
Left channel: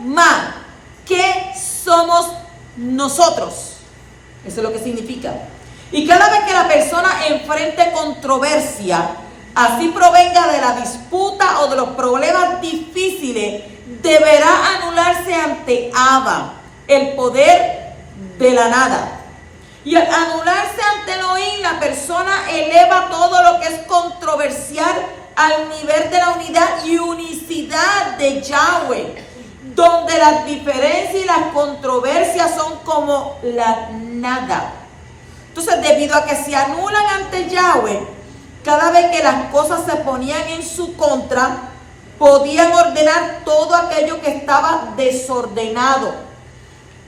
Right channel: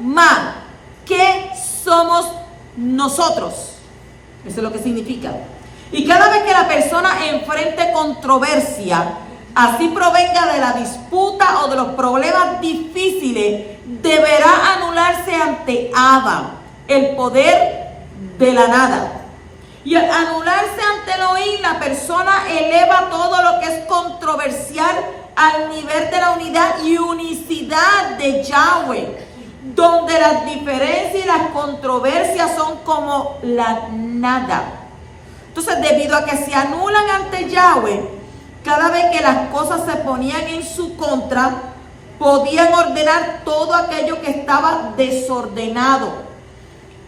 ma, ¿qué somos nosotros? Eso es lo que significa. Y cada vez que la persona enfrente controversia, así provenga de la disputa o de los problemas difíciles, deberá anularse ante Abba, el poder de la nada. Y al anularse ante Elohim, la persona eleva todo lo que es controversial al nivel de la unidad y unicidad de Yahweh, donde las diferencias y las controversias son como la nada. Entonces, debido a que se anulan ante Yahweh, cada vez que las cosas se ponían en su contra, podían ordenar todo aquello que estaba desordenado.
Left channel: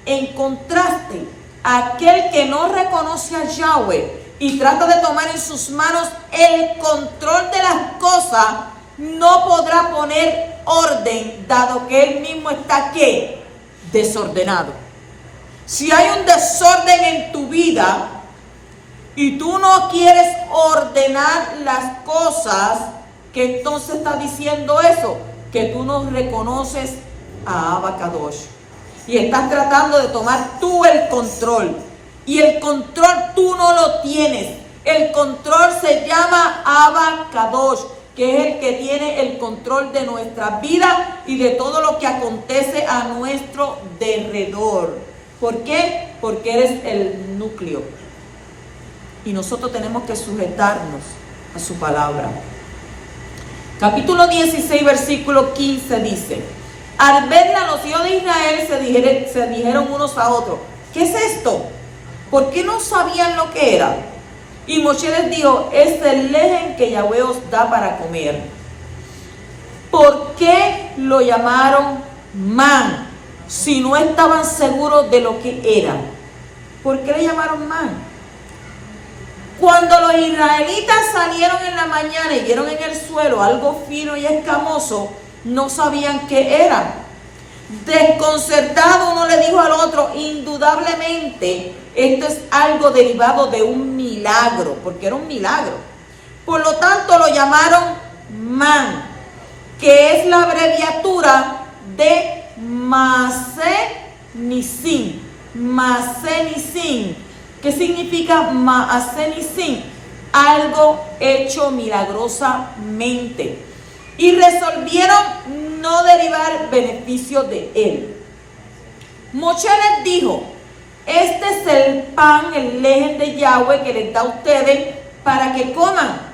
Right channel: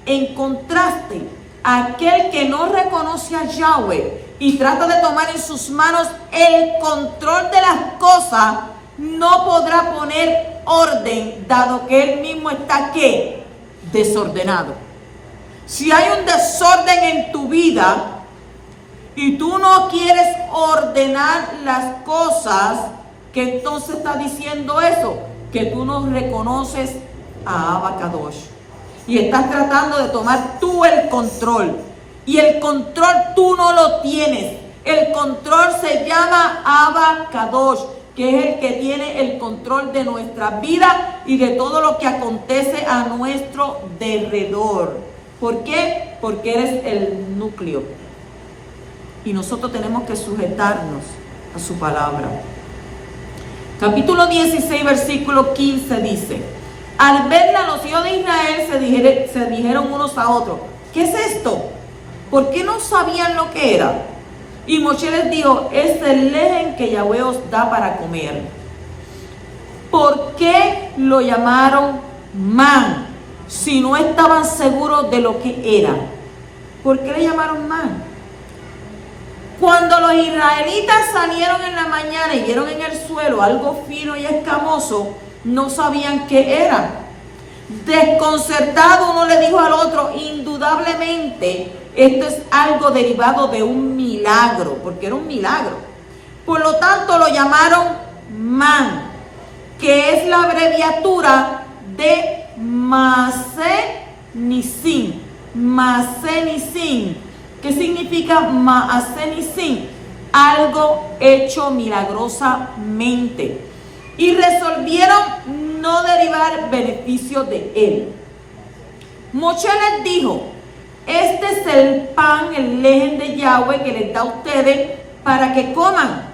En contraste, aquel que no reconoce a Yahweh y trata de tomar en sus manos el control de las cosas, no podrá poner orden, dado que él mismo está ¿qué? Desordenado. Si hay un desorden en tu vida y tú no quieres ordenar las cosas, ¿qué entonces está diciendo eso? Que tú no reconoces a Abba Kadosh. Y estás tratando de tomar tú el control. Y el control tú no lo tienes. El control se llama Abba Kadosh, que es el que tiene el control de nuestra vida y de todo lo que acontece a nuestro derredor. ¿Por qué? Porque eres el núcleo. Y nosotros tenemos que sujetarnos a su palabra. Capítulo 16, versículo 15 dice: al verla los hijos de Israel se dijeron unos a otros: ¿qué es esto? ¿Por qué no sabían lo que era? Y Moshe les dijo: es el lejen que Yahweh os da para comer. ¿Por qué lo llamaron man si no estaban seguros de lo que era? ¿Por qué le llamaron man? Cuando los israelitas salieron en la mañana y vieron en el suelo algo fino y escamoso, no sabían qué era. Desconcertado, uno le dijo al otro: indudablemente esto es algo derivado de un milagro, porque era un milagro. Por lo tanto lo llamaron man, que es la abreviatura de Maaseh Nisim. Maaseh Nisim. ¿Qué significa Maaseh Nisim? Algo hecho milagrosamente. Y resolvieron no derivar beneficio de él. Moshe les dijo: este es el pan, el lejen de Yahweh que les da a ustedes para que coman.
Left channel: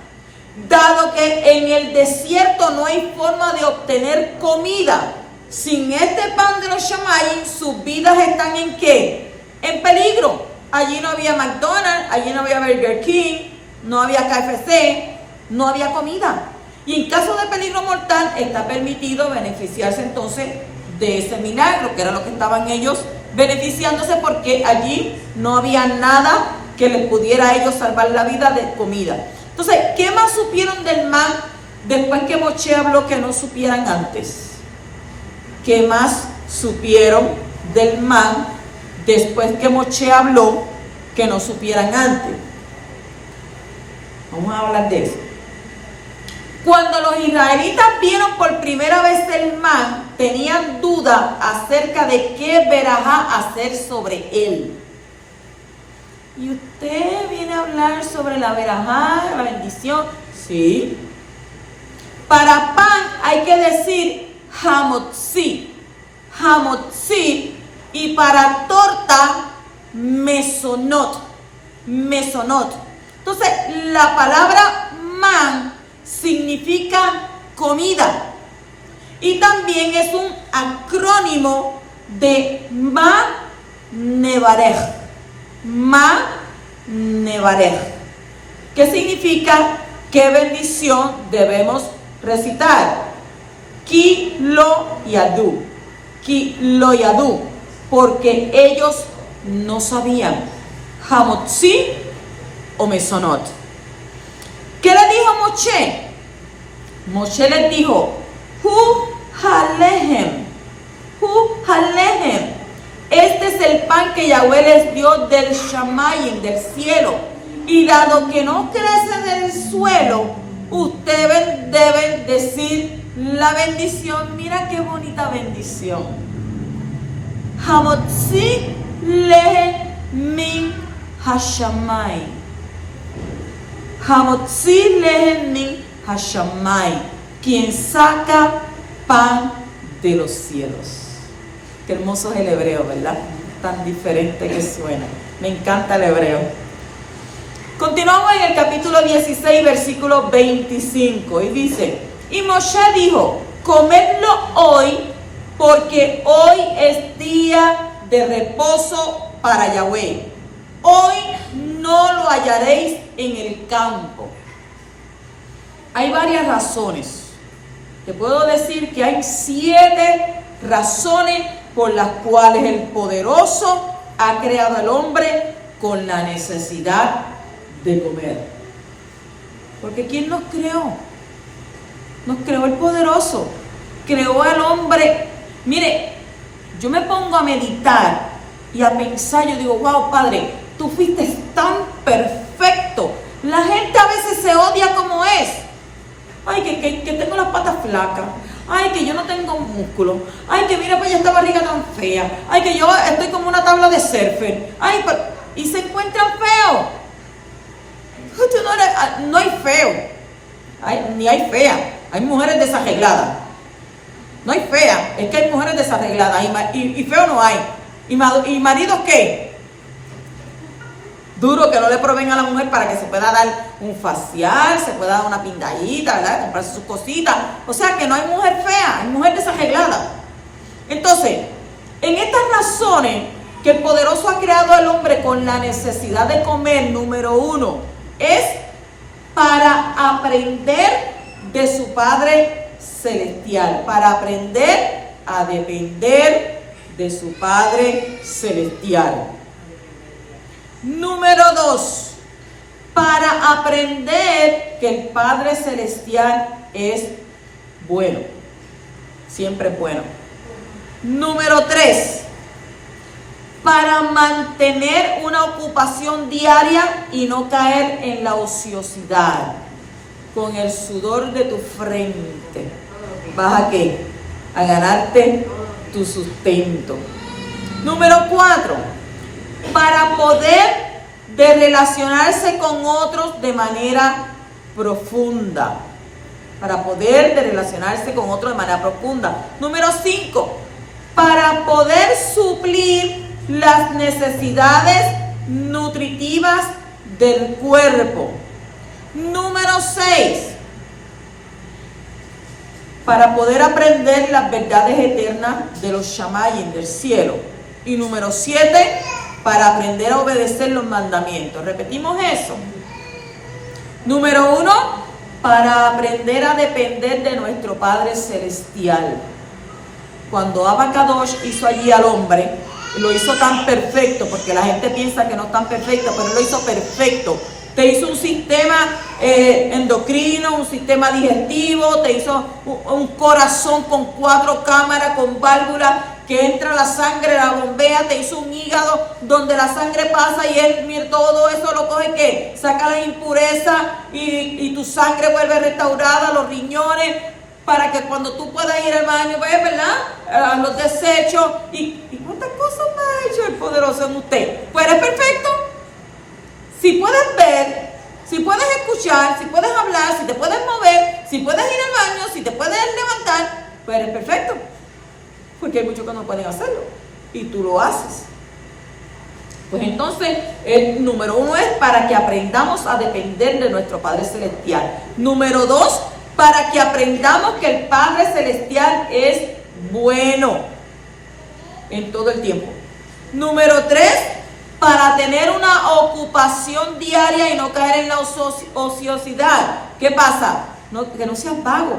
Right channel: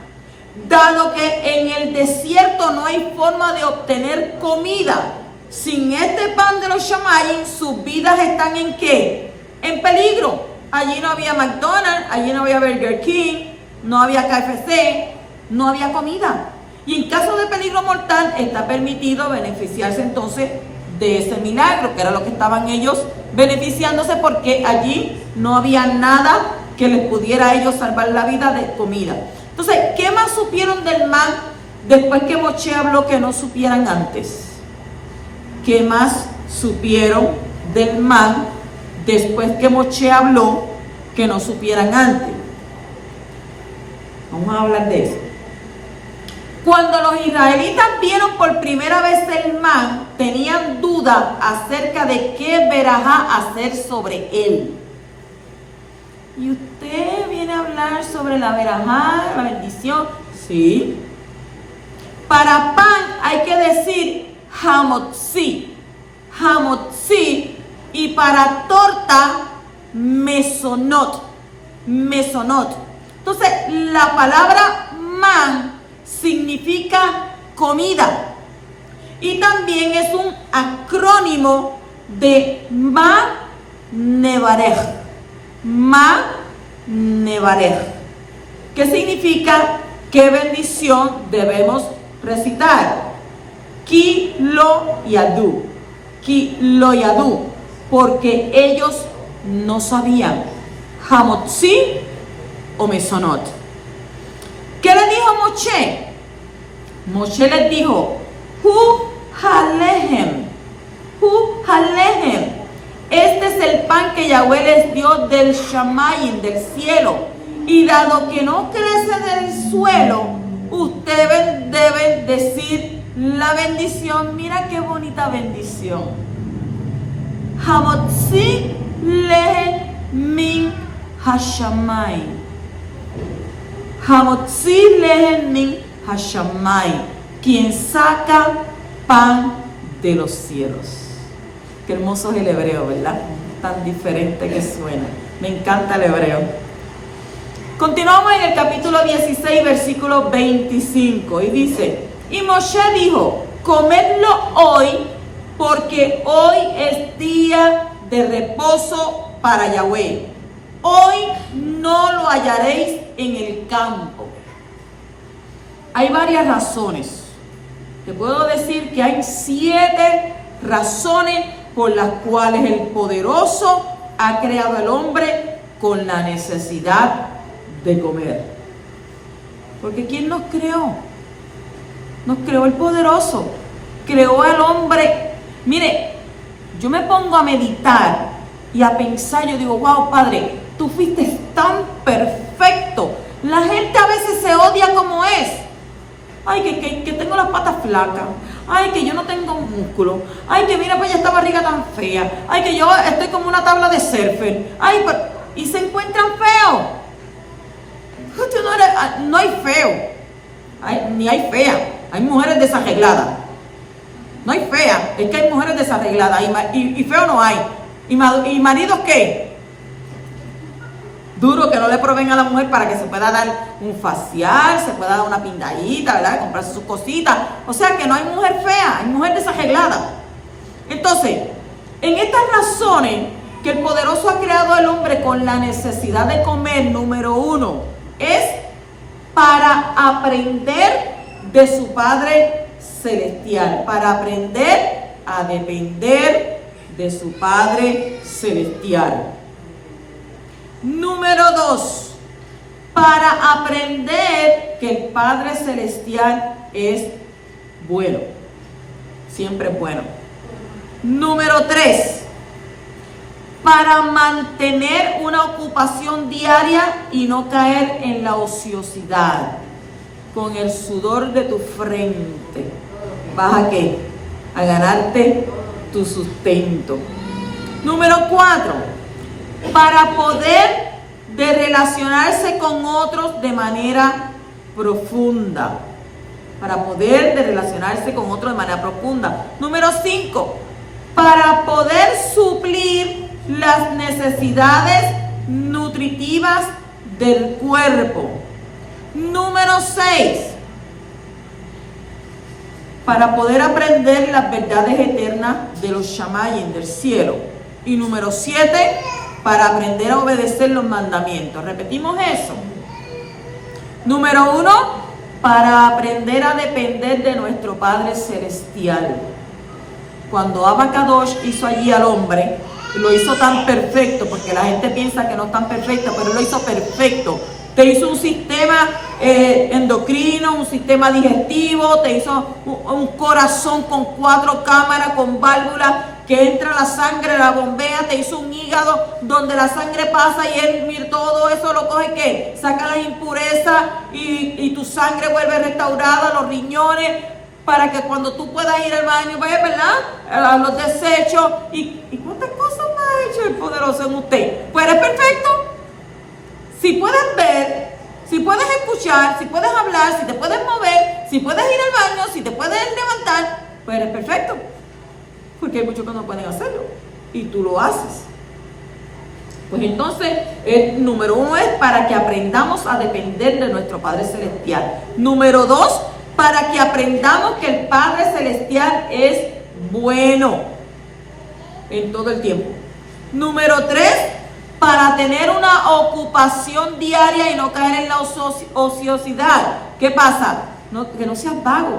Dado que en el desierto no hay forma de obtener comida, sin este pan de los Shamayim, sus vidas están ¿en qué? En peligro. Allí no había McDonald's, allí no había Burger King, no había KFC, no había comida. Y en caso de peligro mortal, está permitido beneficiarse entonces de ese milagro, que era lo que estaban ellos beneficiándose, porque allí no había nada que les pudiera a ellos salvar la vida de comida. Entonces, ¿qué más supieron del man después que Moshe habló que no supieran antes? ¿Qué más supieron del man después que Moshe habló que no supieran antes? Vamos a hablar de eso. Cuando los israelitas vieron por primera vez el man, tenían duda acerca de qué verajá hacer sobre él. ¿Y usted viene a hablar sobre la verajá, la bendición? Sí. Para pan hay que decir hamotzi. Hamotzi. Y para torta, mesonot. Mesonot. Entonces, la palabra man significa comida. Y también es un acrónimo de Ma Nevarej. Ma Nevarej. ¿Qué significa? ¿Qué bendición debemos recitar? Ki lo yadu. Ki lo yadu. Porque ellos no sabían. Hamotzi o mesonot. ¿Qué le dijo Moshe? Moshe les dijo: Hu halehem. Hu halehem. Este es el pan que Yahweh les dio del Shamayim, del cielo. Y dado que no crece del suelo, ustedes deben decir la bendición. Mira qué bonita bendición. Hamotzi lehem min hashamayim. Hamotzi lehem min hashamayim. Quien saca pan de los cielos. Qué hermoso es el hebreo, ¿verdad? Tan diferente que suena. Me encanta el hebreo. Continuamos en el capítulo 16, versículo 25. Y dice: y Moshe dijo: comedlo hoy, porque hoy es día de reposo para Yahweh. Hoy no lo hallaréis en el campo. Hay varias razones. Te puedo decir que hay 7 razones por las cuales el poderoso ha creado al hombre con la necesidad de comer. Porque ¿quién nos creó? Nos creó el poderoso. Creó al hombre. Mire, yo me pongo a meditar y a pensar, yo digo, wow, Padre, tú fuiste tan perfecto. La gente a veces se odia como es. Ay, que tengo las patas flacas. Ay, que yo no tengo músculo. Ay, que mira pues esta barriga tan fea. Ay, que yo estoy como una tabla de surfer. Ay, y se encuentran feos. No hay feo. Ni hay fea. Hay mujeres desarregladas. No hay fea. Es que hay mujeres desarregladas. Y feo no hay. ¿Y maridos qué? Duro que no le proveen a la mujer para que se pueda dar un facial, se pueda dar una pindadita, ¿verdad? Comprarse sus cositas. O sea que no hay mujer fea, hay mujer desarreglada. Entonces, en estas razones que el poderoso ha creado al hombre con la necesidad de comer, número 1, es para aprender de su Padre Celestial, para aprender a depender de su Padre Celestial. Número 2, para aprender que el Padre Celestial es bueno, siempre es bueno. Número 3, para mantener una ocupación diaria y no caer en la ociosidad. Con el sudor de tu frente, ¿vas a qué? A ganarte tu sustento. Número 4, para poder de relacionarse con otros de manera profunda. Para poder de relacionarse con otros de manera profunda. Número 5, para poder suplir las necesidades nutritivas del cuerpo. Número 6, para poder aprender las verdades eternas de los Shamayim del cielo. Y número 7, para aprender a obedecer los mandamientos. Repetimos eso. Número 1, para aprender a depender de nuestro Padre Celestial. Cuando Abba Kadosh hizo allí al hombre, lo hizo tan perfecto, porque la gente piensa que no es tan perfecto, pero él lo hizo perfecto. Te hizo un sistema endocrino, un sistema digestivo, te hizo un corazón con 4 cámaras, con válvulas, que entra la sangre, la bombea, te hizo un hígado donde la sangre pasa y él, mira, todo eso lo coge, ¿qué? Saca las impurezas y tu sangre vuelve restaurada, los riñones, para que cuando tú puedas ir al baño, pues, ¿verdad? A los desechos, y cuántas cosas más ha hecho el poderoso en usted. Pues eres perfecto. Si puedes ver, si puedes escuchar, si puedes hablar, si te puedes mover, si puedes ir al baño, si te puedes levantar, pues eres perfecto. Porque hay muchos que no pueden hacerlo. Y tú lo haces. Pues entonces, el número 1 es para que aprendamos a depender de nuestro Padre Celestial. Número 2, para que aprendamos que el Padre Celestial es bueno en todo el tiempo. Número 3, para tener una ocupación diaria y no caer en la ociosidad. ¿Qué pasa? Que no seas vago.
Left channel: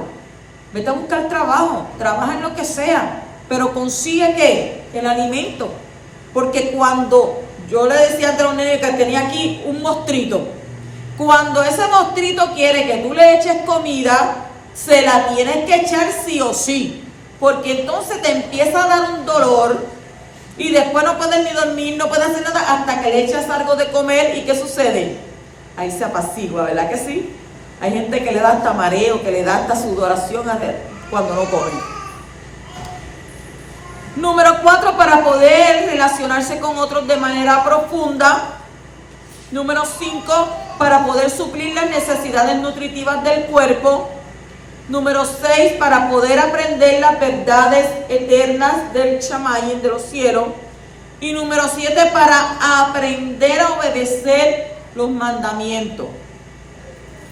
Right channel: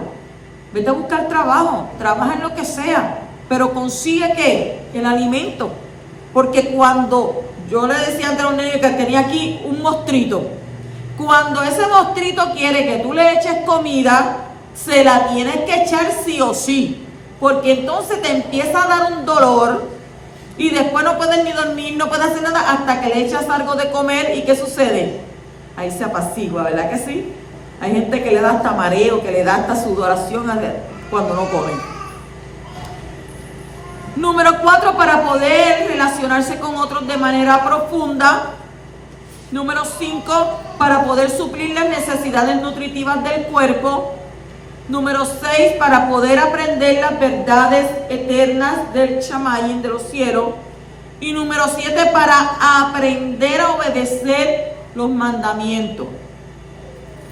Vete a buscar trabajo, trabaja en lo que sea, pero consigue ¿qué? El alimento. Porque cuando yo le decía ante los niños que tenía aquí un mostrito, cuando ese mostrito quiere que tú le eches comida, se la tienes que echar sí o sí, porque entonces te empieza a dar un dolor y después no puedes ni dormir, no puedes hacer nada hasta que le echas algo de comer. ¿Y qué sucede? Ahí se apacigua, ¿verdad que sí? Hay gente que le da hasta mareo, que le da hasta sudoración cuando no come. Número 4, para poder relacionarse con otros de manera profunda. Número 5, para poder suplir las necesidades nutritivas del cuerpo. Número 6, para poder aprender las verdades eternas del Shamayim, de los cielos. Y número 7, para aprender a obedecer los mandamientos.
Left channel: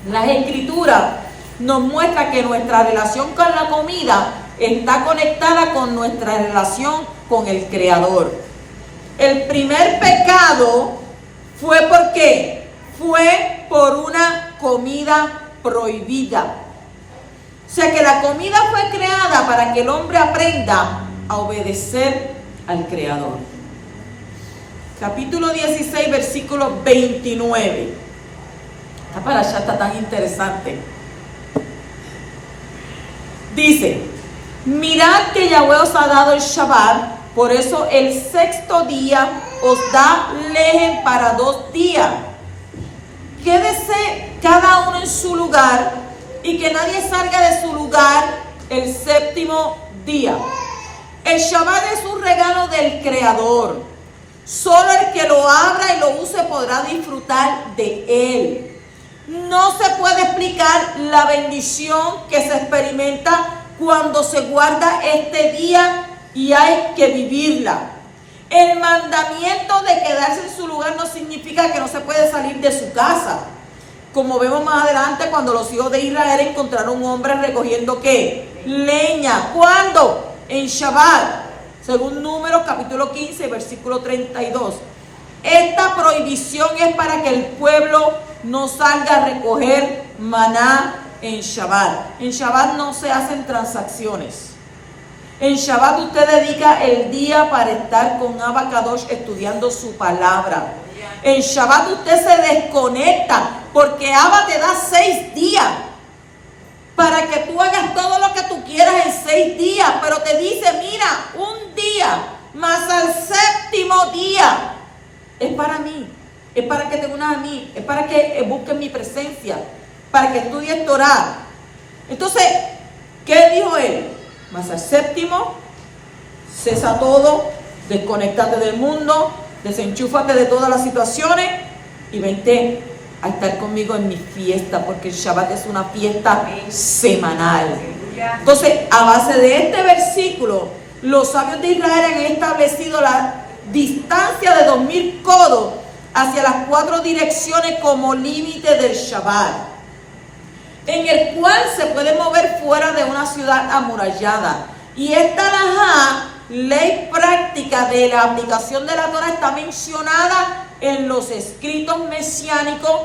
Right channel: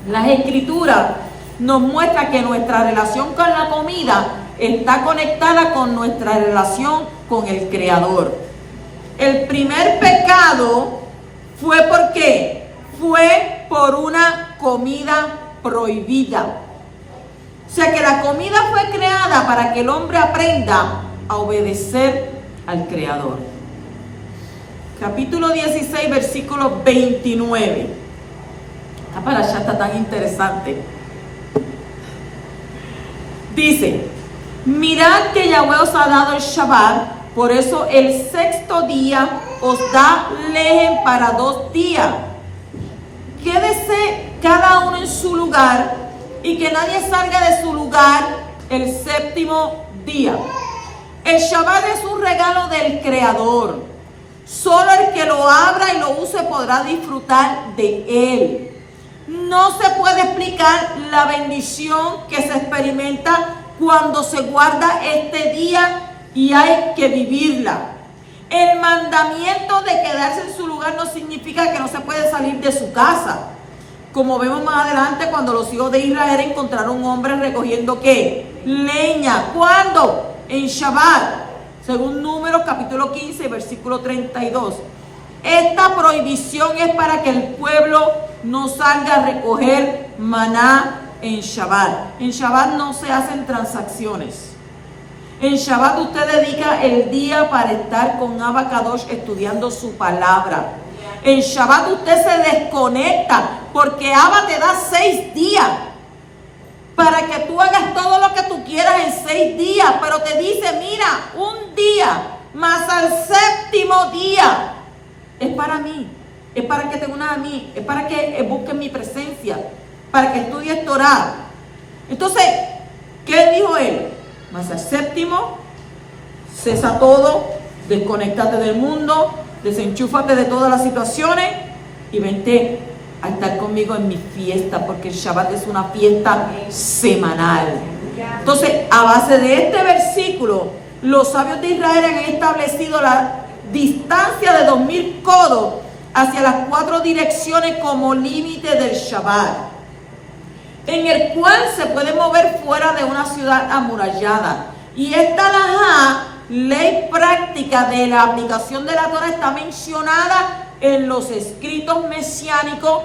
Las Escrituras nos muestran que nuestra relación con la comida está conectada con nuestra relación con el Creador. El primer pecado fue ¿por qué? Fue por una comida prohibida. O sea que la comida fue creada para que el hombre aprenda a obedecer al Creador. Capítulo 16, versículo 29. Esta parasha está tan interesante. Dice: mirad que Yahweh os ha dado el Shabbat Por eso el sexto día os da lejen para 2 días. Quédese cada uno en su lugar y que nadie salga de su lugar el séptimo día. El Shabbat es un regalo del Creador. Solo el que lo abra y lo use podrá disfrutar de él. No se puede explicar la bendición que se experimenta cuando se guarda este día y hay que vivirla. El mandamiento de quedarse en su lugar no significa que no se puede salir de su casa. Como vemos más adelante, cuando los hijos de Israel encontraron hombres recogiendo ¿qué? Leña. ¿Cuándo? En Shabbat. Según Números capítulo 15, versículo 32. Esta prohibición es para que el pueblo no salga a recoger maná en Shabbat. En Shabbat no se hacen transacciones. En Shabbat usted dedica el día para estar con Abba Kadosh estudiando su palabra. En Shabbat usted se desconecta porque Abba te da 6 días para que tú hagas todo lo que tú quieras en 6 días. Pero te dice, mira, un día más al séptimo día es para mí. Es para que te unas a mí. Es para que busques mi presencia. Para que estudies Torah. Entonces, ¿qué dijo él? Más al séptimo, cesa todo, desconéctate del mundo, desenchúfate de todas las situaciones y vente a estar conmigo en mi fiesta, porque el Shabbat es una fiesta semanal. Entonces, a base de este versículo, los sabios de Israel han establecido la distancia de 2000 codos hacia las 4 direcciones como límite del Shabbat, en el cual se puede mover fuera de una ciudad amurallada. Y esta halajá, ley práctica de la aplicación de la Torah, está mencionada en los escritos mesiánicos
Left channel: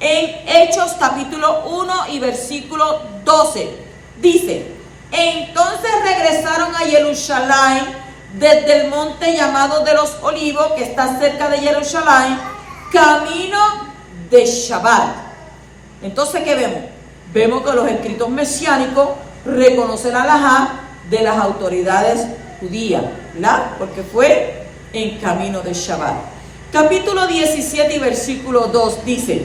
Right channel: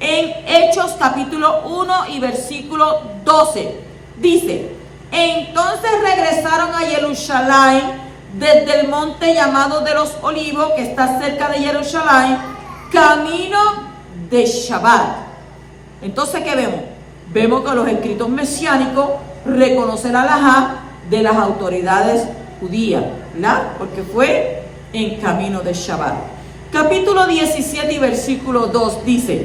en Hechos capítulo 1 y versículo 12. Dice, entonces regresaron a Jerusalén desde el monte llamado de los Olivos, que está cerca de Jerusalén, camino de Shabbat. Entonces, ¿qué vemos? Vemos que los escritos mesiánicos reconocen la halajá de las autoridades judías, ¿verdad? Porque fue en camino de Shabbat. Capítulo 17 y versículo 2 dice,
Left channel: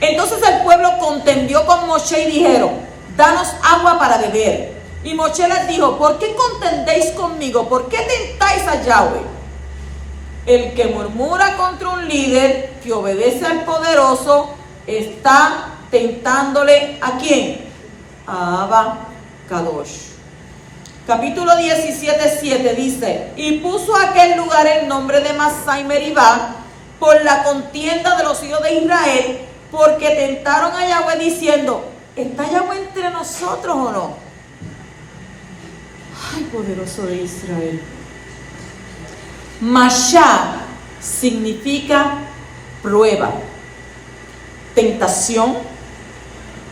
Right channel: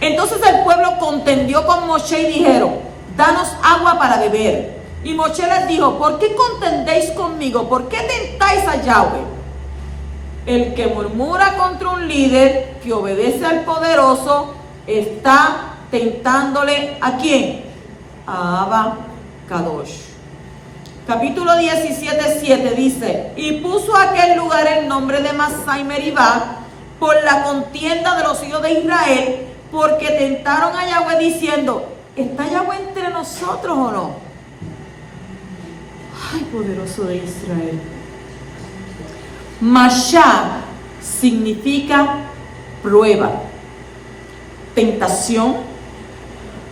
entonces el pueblo contendió con Moshe y dijeron, danos agua para beber. Y Moshe les dijo, ¿por qué contendéis conmigo? ¿Por qué tentáis a Yahweh? El que murmura contra un líder que obedece al poderoso está tentándole ¿a quién? A Abba Kadosh. Capítulo 17, 7 dice, y puso a aquel lugar el nombre de Masá y Meribá por la contienda de los hijos de Israel, porque tentaron a Yahweh diciendo, ¿está Yahweh entre nosotros o no? Ay, poderoso de Israel. Mashá significa prueba, tentación,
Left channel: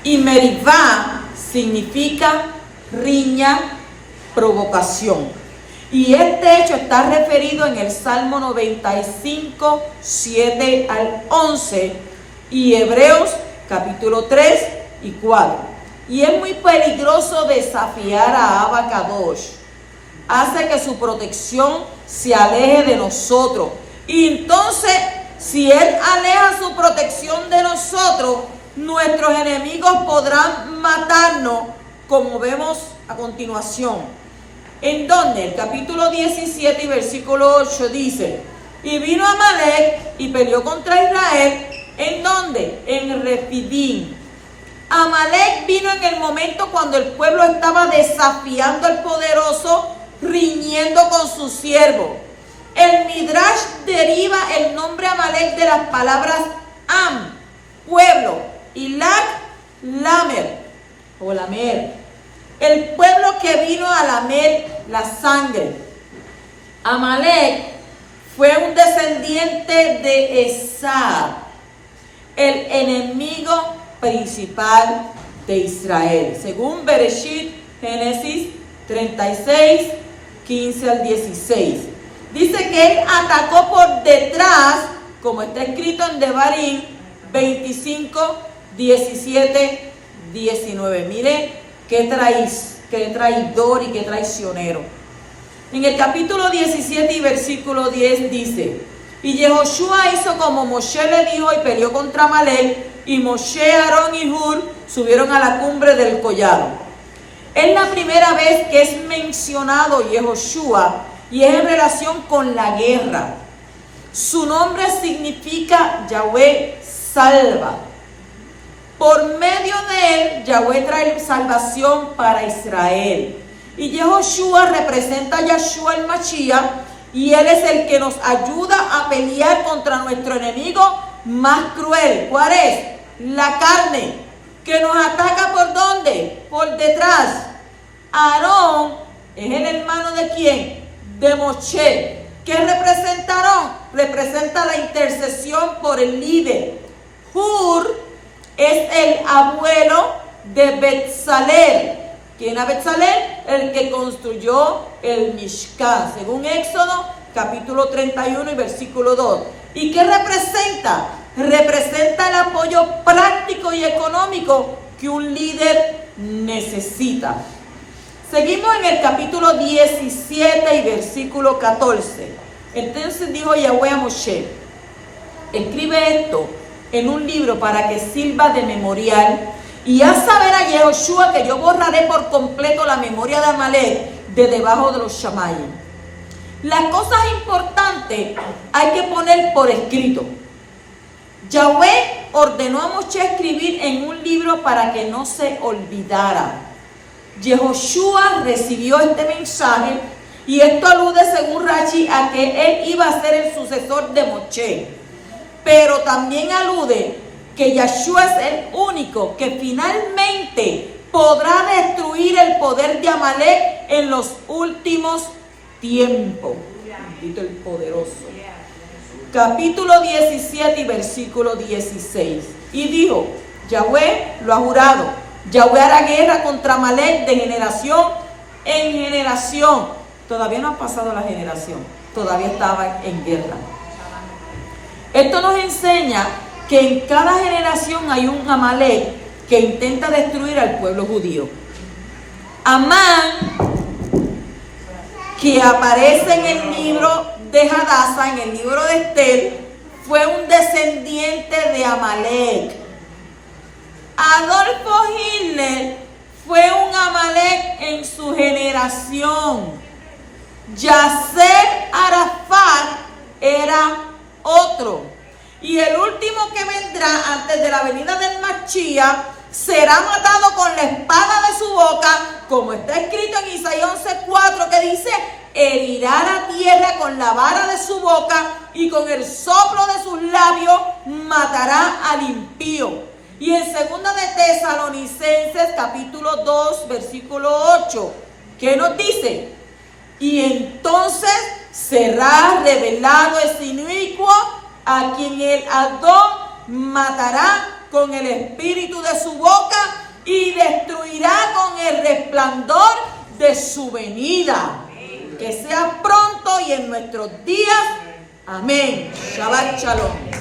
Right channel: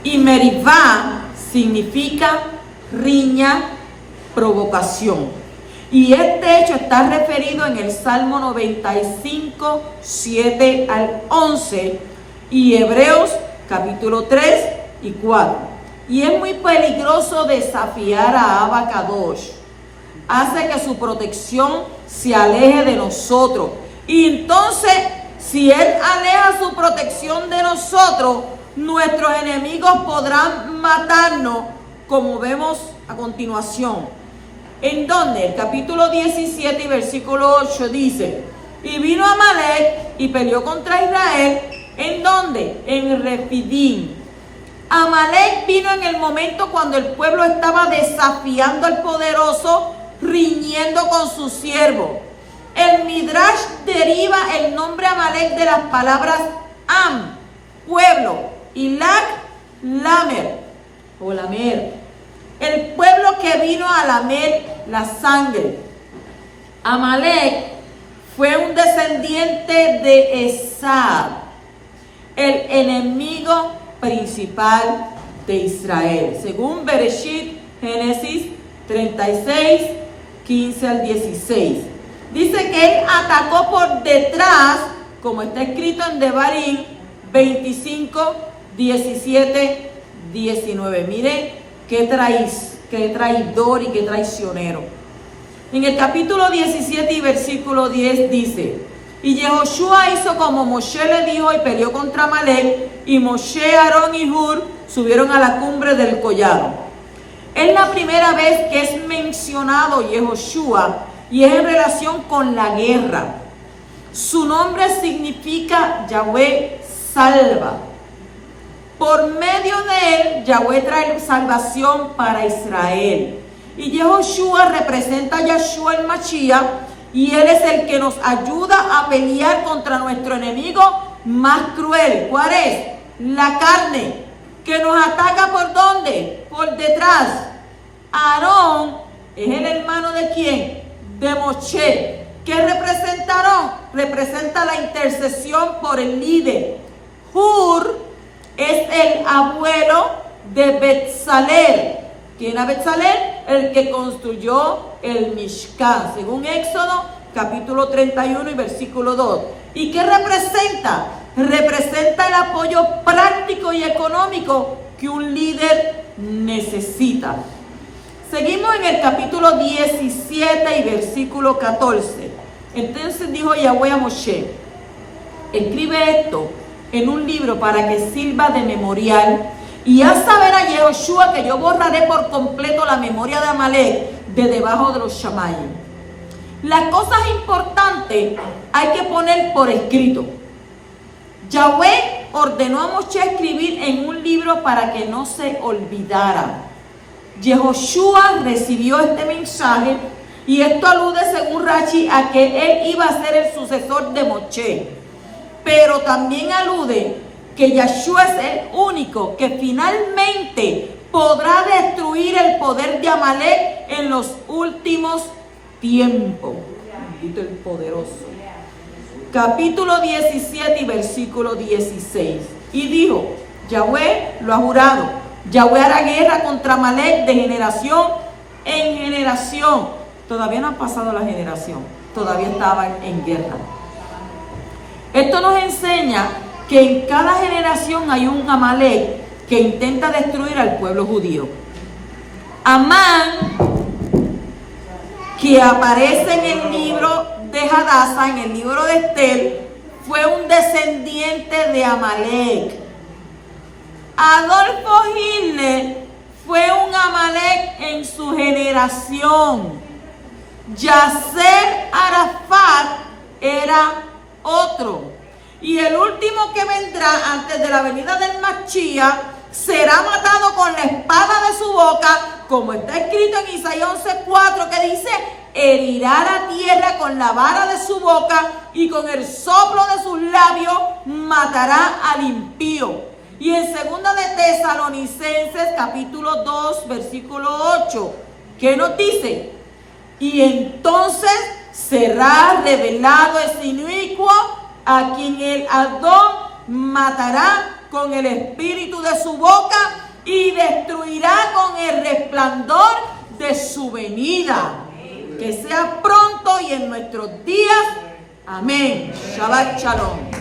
y Meribá significa riña, provocación. Y este hecho está referido en el Salmo 95, 7 al 11 y Hebreos capítulo 3 y 4. Y es muy peligroso desafiar a Abba Kadosh. Hace que su protección se aleje de nosotros. Y entonces, si Él aleja su protección de nosotros, nuestros enemigos podrán matarnos, como vemos a continuación. En donde el capítulo 17 y versículo 8 dice, y vino Amalek y peleó contra Israel, ¿en dónde? En Refidim. Amalek vino en el momento cuando el pueblo estaba desafiando al poderoso, riñendo con su siervo. El Midrash deriva el nombre Amalek de las palabras Am, pueblo, y Lak, Lamer, o Lamer. El pueblo que vino a lamer la sangre. Amalek fue un descendiente de Esab, el enemigo principal de Israel, según Bereshit, Génesis 36, 15 al 16. Dice que él atacó por detrás, como está escrito en Devarim 25, 17, 19. Mire qué traidor y qué traicionero. En el capítulo 17 y versículo 10 dice: y Yehoshua hizo como Moshe le dijo y peleó contra Amalek, y Moshe, Aarón y Hur subieron a la cumbre del collado. Es la primera vez que es mencionado Yehoshua y es en relación con la guerra. Su nombre significa Yahweh salva. Por medio de él, Yahweh trae salvación para Israel. Y Yehoshua representa a Yahshua el Mashiach, y él es el que nos ayuda a pelear contra nuestro enemigo más cruel. ¿Cuál es? La carne, que nos ataca ¿por dónde? Por detrás. Aarón es el hermano ¿de quién? De Moshe. ¿Qué representa Aarón? Representa la intercesión por el líder. Hur es el abuelo de Betzalel. ¿Quién era Betzalel? El que construyó el Mishkan, según Éxodo capítulo 31 y versículo 2. ¿Y qué representa? Representa el apoyo práctico y económico que un líder necesita. Seguimos en el capítulo 17 y versículo 14. Entonces dijo Yahweh a Moshe: escribe esto en un libro para que sirva de memorial, y haz saber a Yehoshua que yo borraré por completo la memoria de Amalek de debajo de los Shamayim. Las cosas importantes hay que poner por escrito. Yahweh ordenó a Moshe escribir en un libro para que no se olvidara. Yehoshua recibió este mensaje, y esto alude, según Rashi, a que él iba a ser el sucesor de Moshe. Pero también alude que Yahshua es el único que finalmente podrá destruir el poder de Amalek en los últimos tiempos. Bendito el poderoso. Capítulo 17 y versículo 16. Y dijo: Yahweh lo ha jurado, Yahweh hará guerra contra Amalek de generación en generación. Todavía no ha pasado la generación, todavía estaban en guerra. Esto nos enseña que en cada generación hay un Amalek que intenta destruir al pueblo judío. Amán, que aparece en el libro de Hadassah, en el libro de Esther, fue un descendiente de Amalek. Adolfo Hitler fue un Amalek en su generación. Yasser Arafat era otro. Y el último que vendrá antes de la venida del Mashiach será matado con la espada de su boca, como está escrito en Isaías 11:4, que dice: herirá la tierra con la vara de su boca, y con el soplo de sus labios matará al impío. Y en 2 de Tesalonicenses capítulo 2 versículo 8, ¿qué nos dice? Y entonces será revelado ese inicuo, a quien el Adón matará con el espíritu de su boca y destruirá con el resplandor de su venida. Que sea pronto y en nuestros días. Amén. Shabbat Shalom.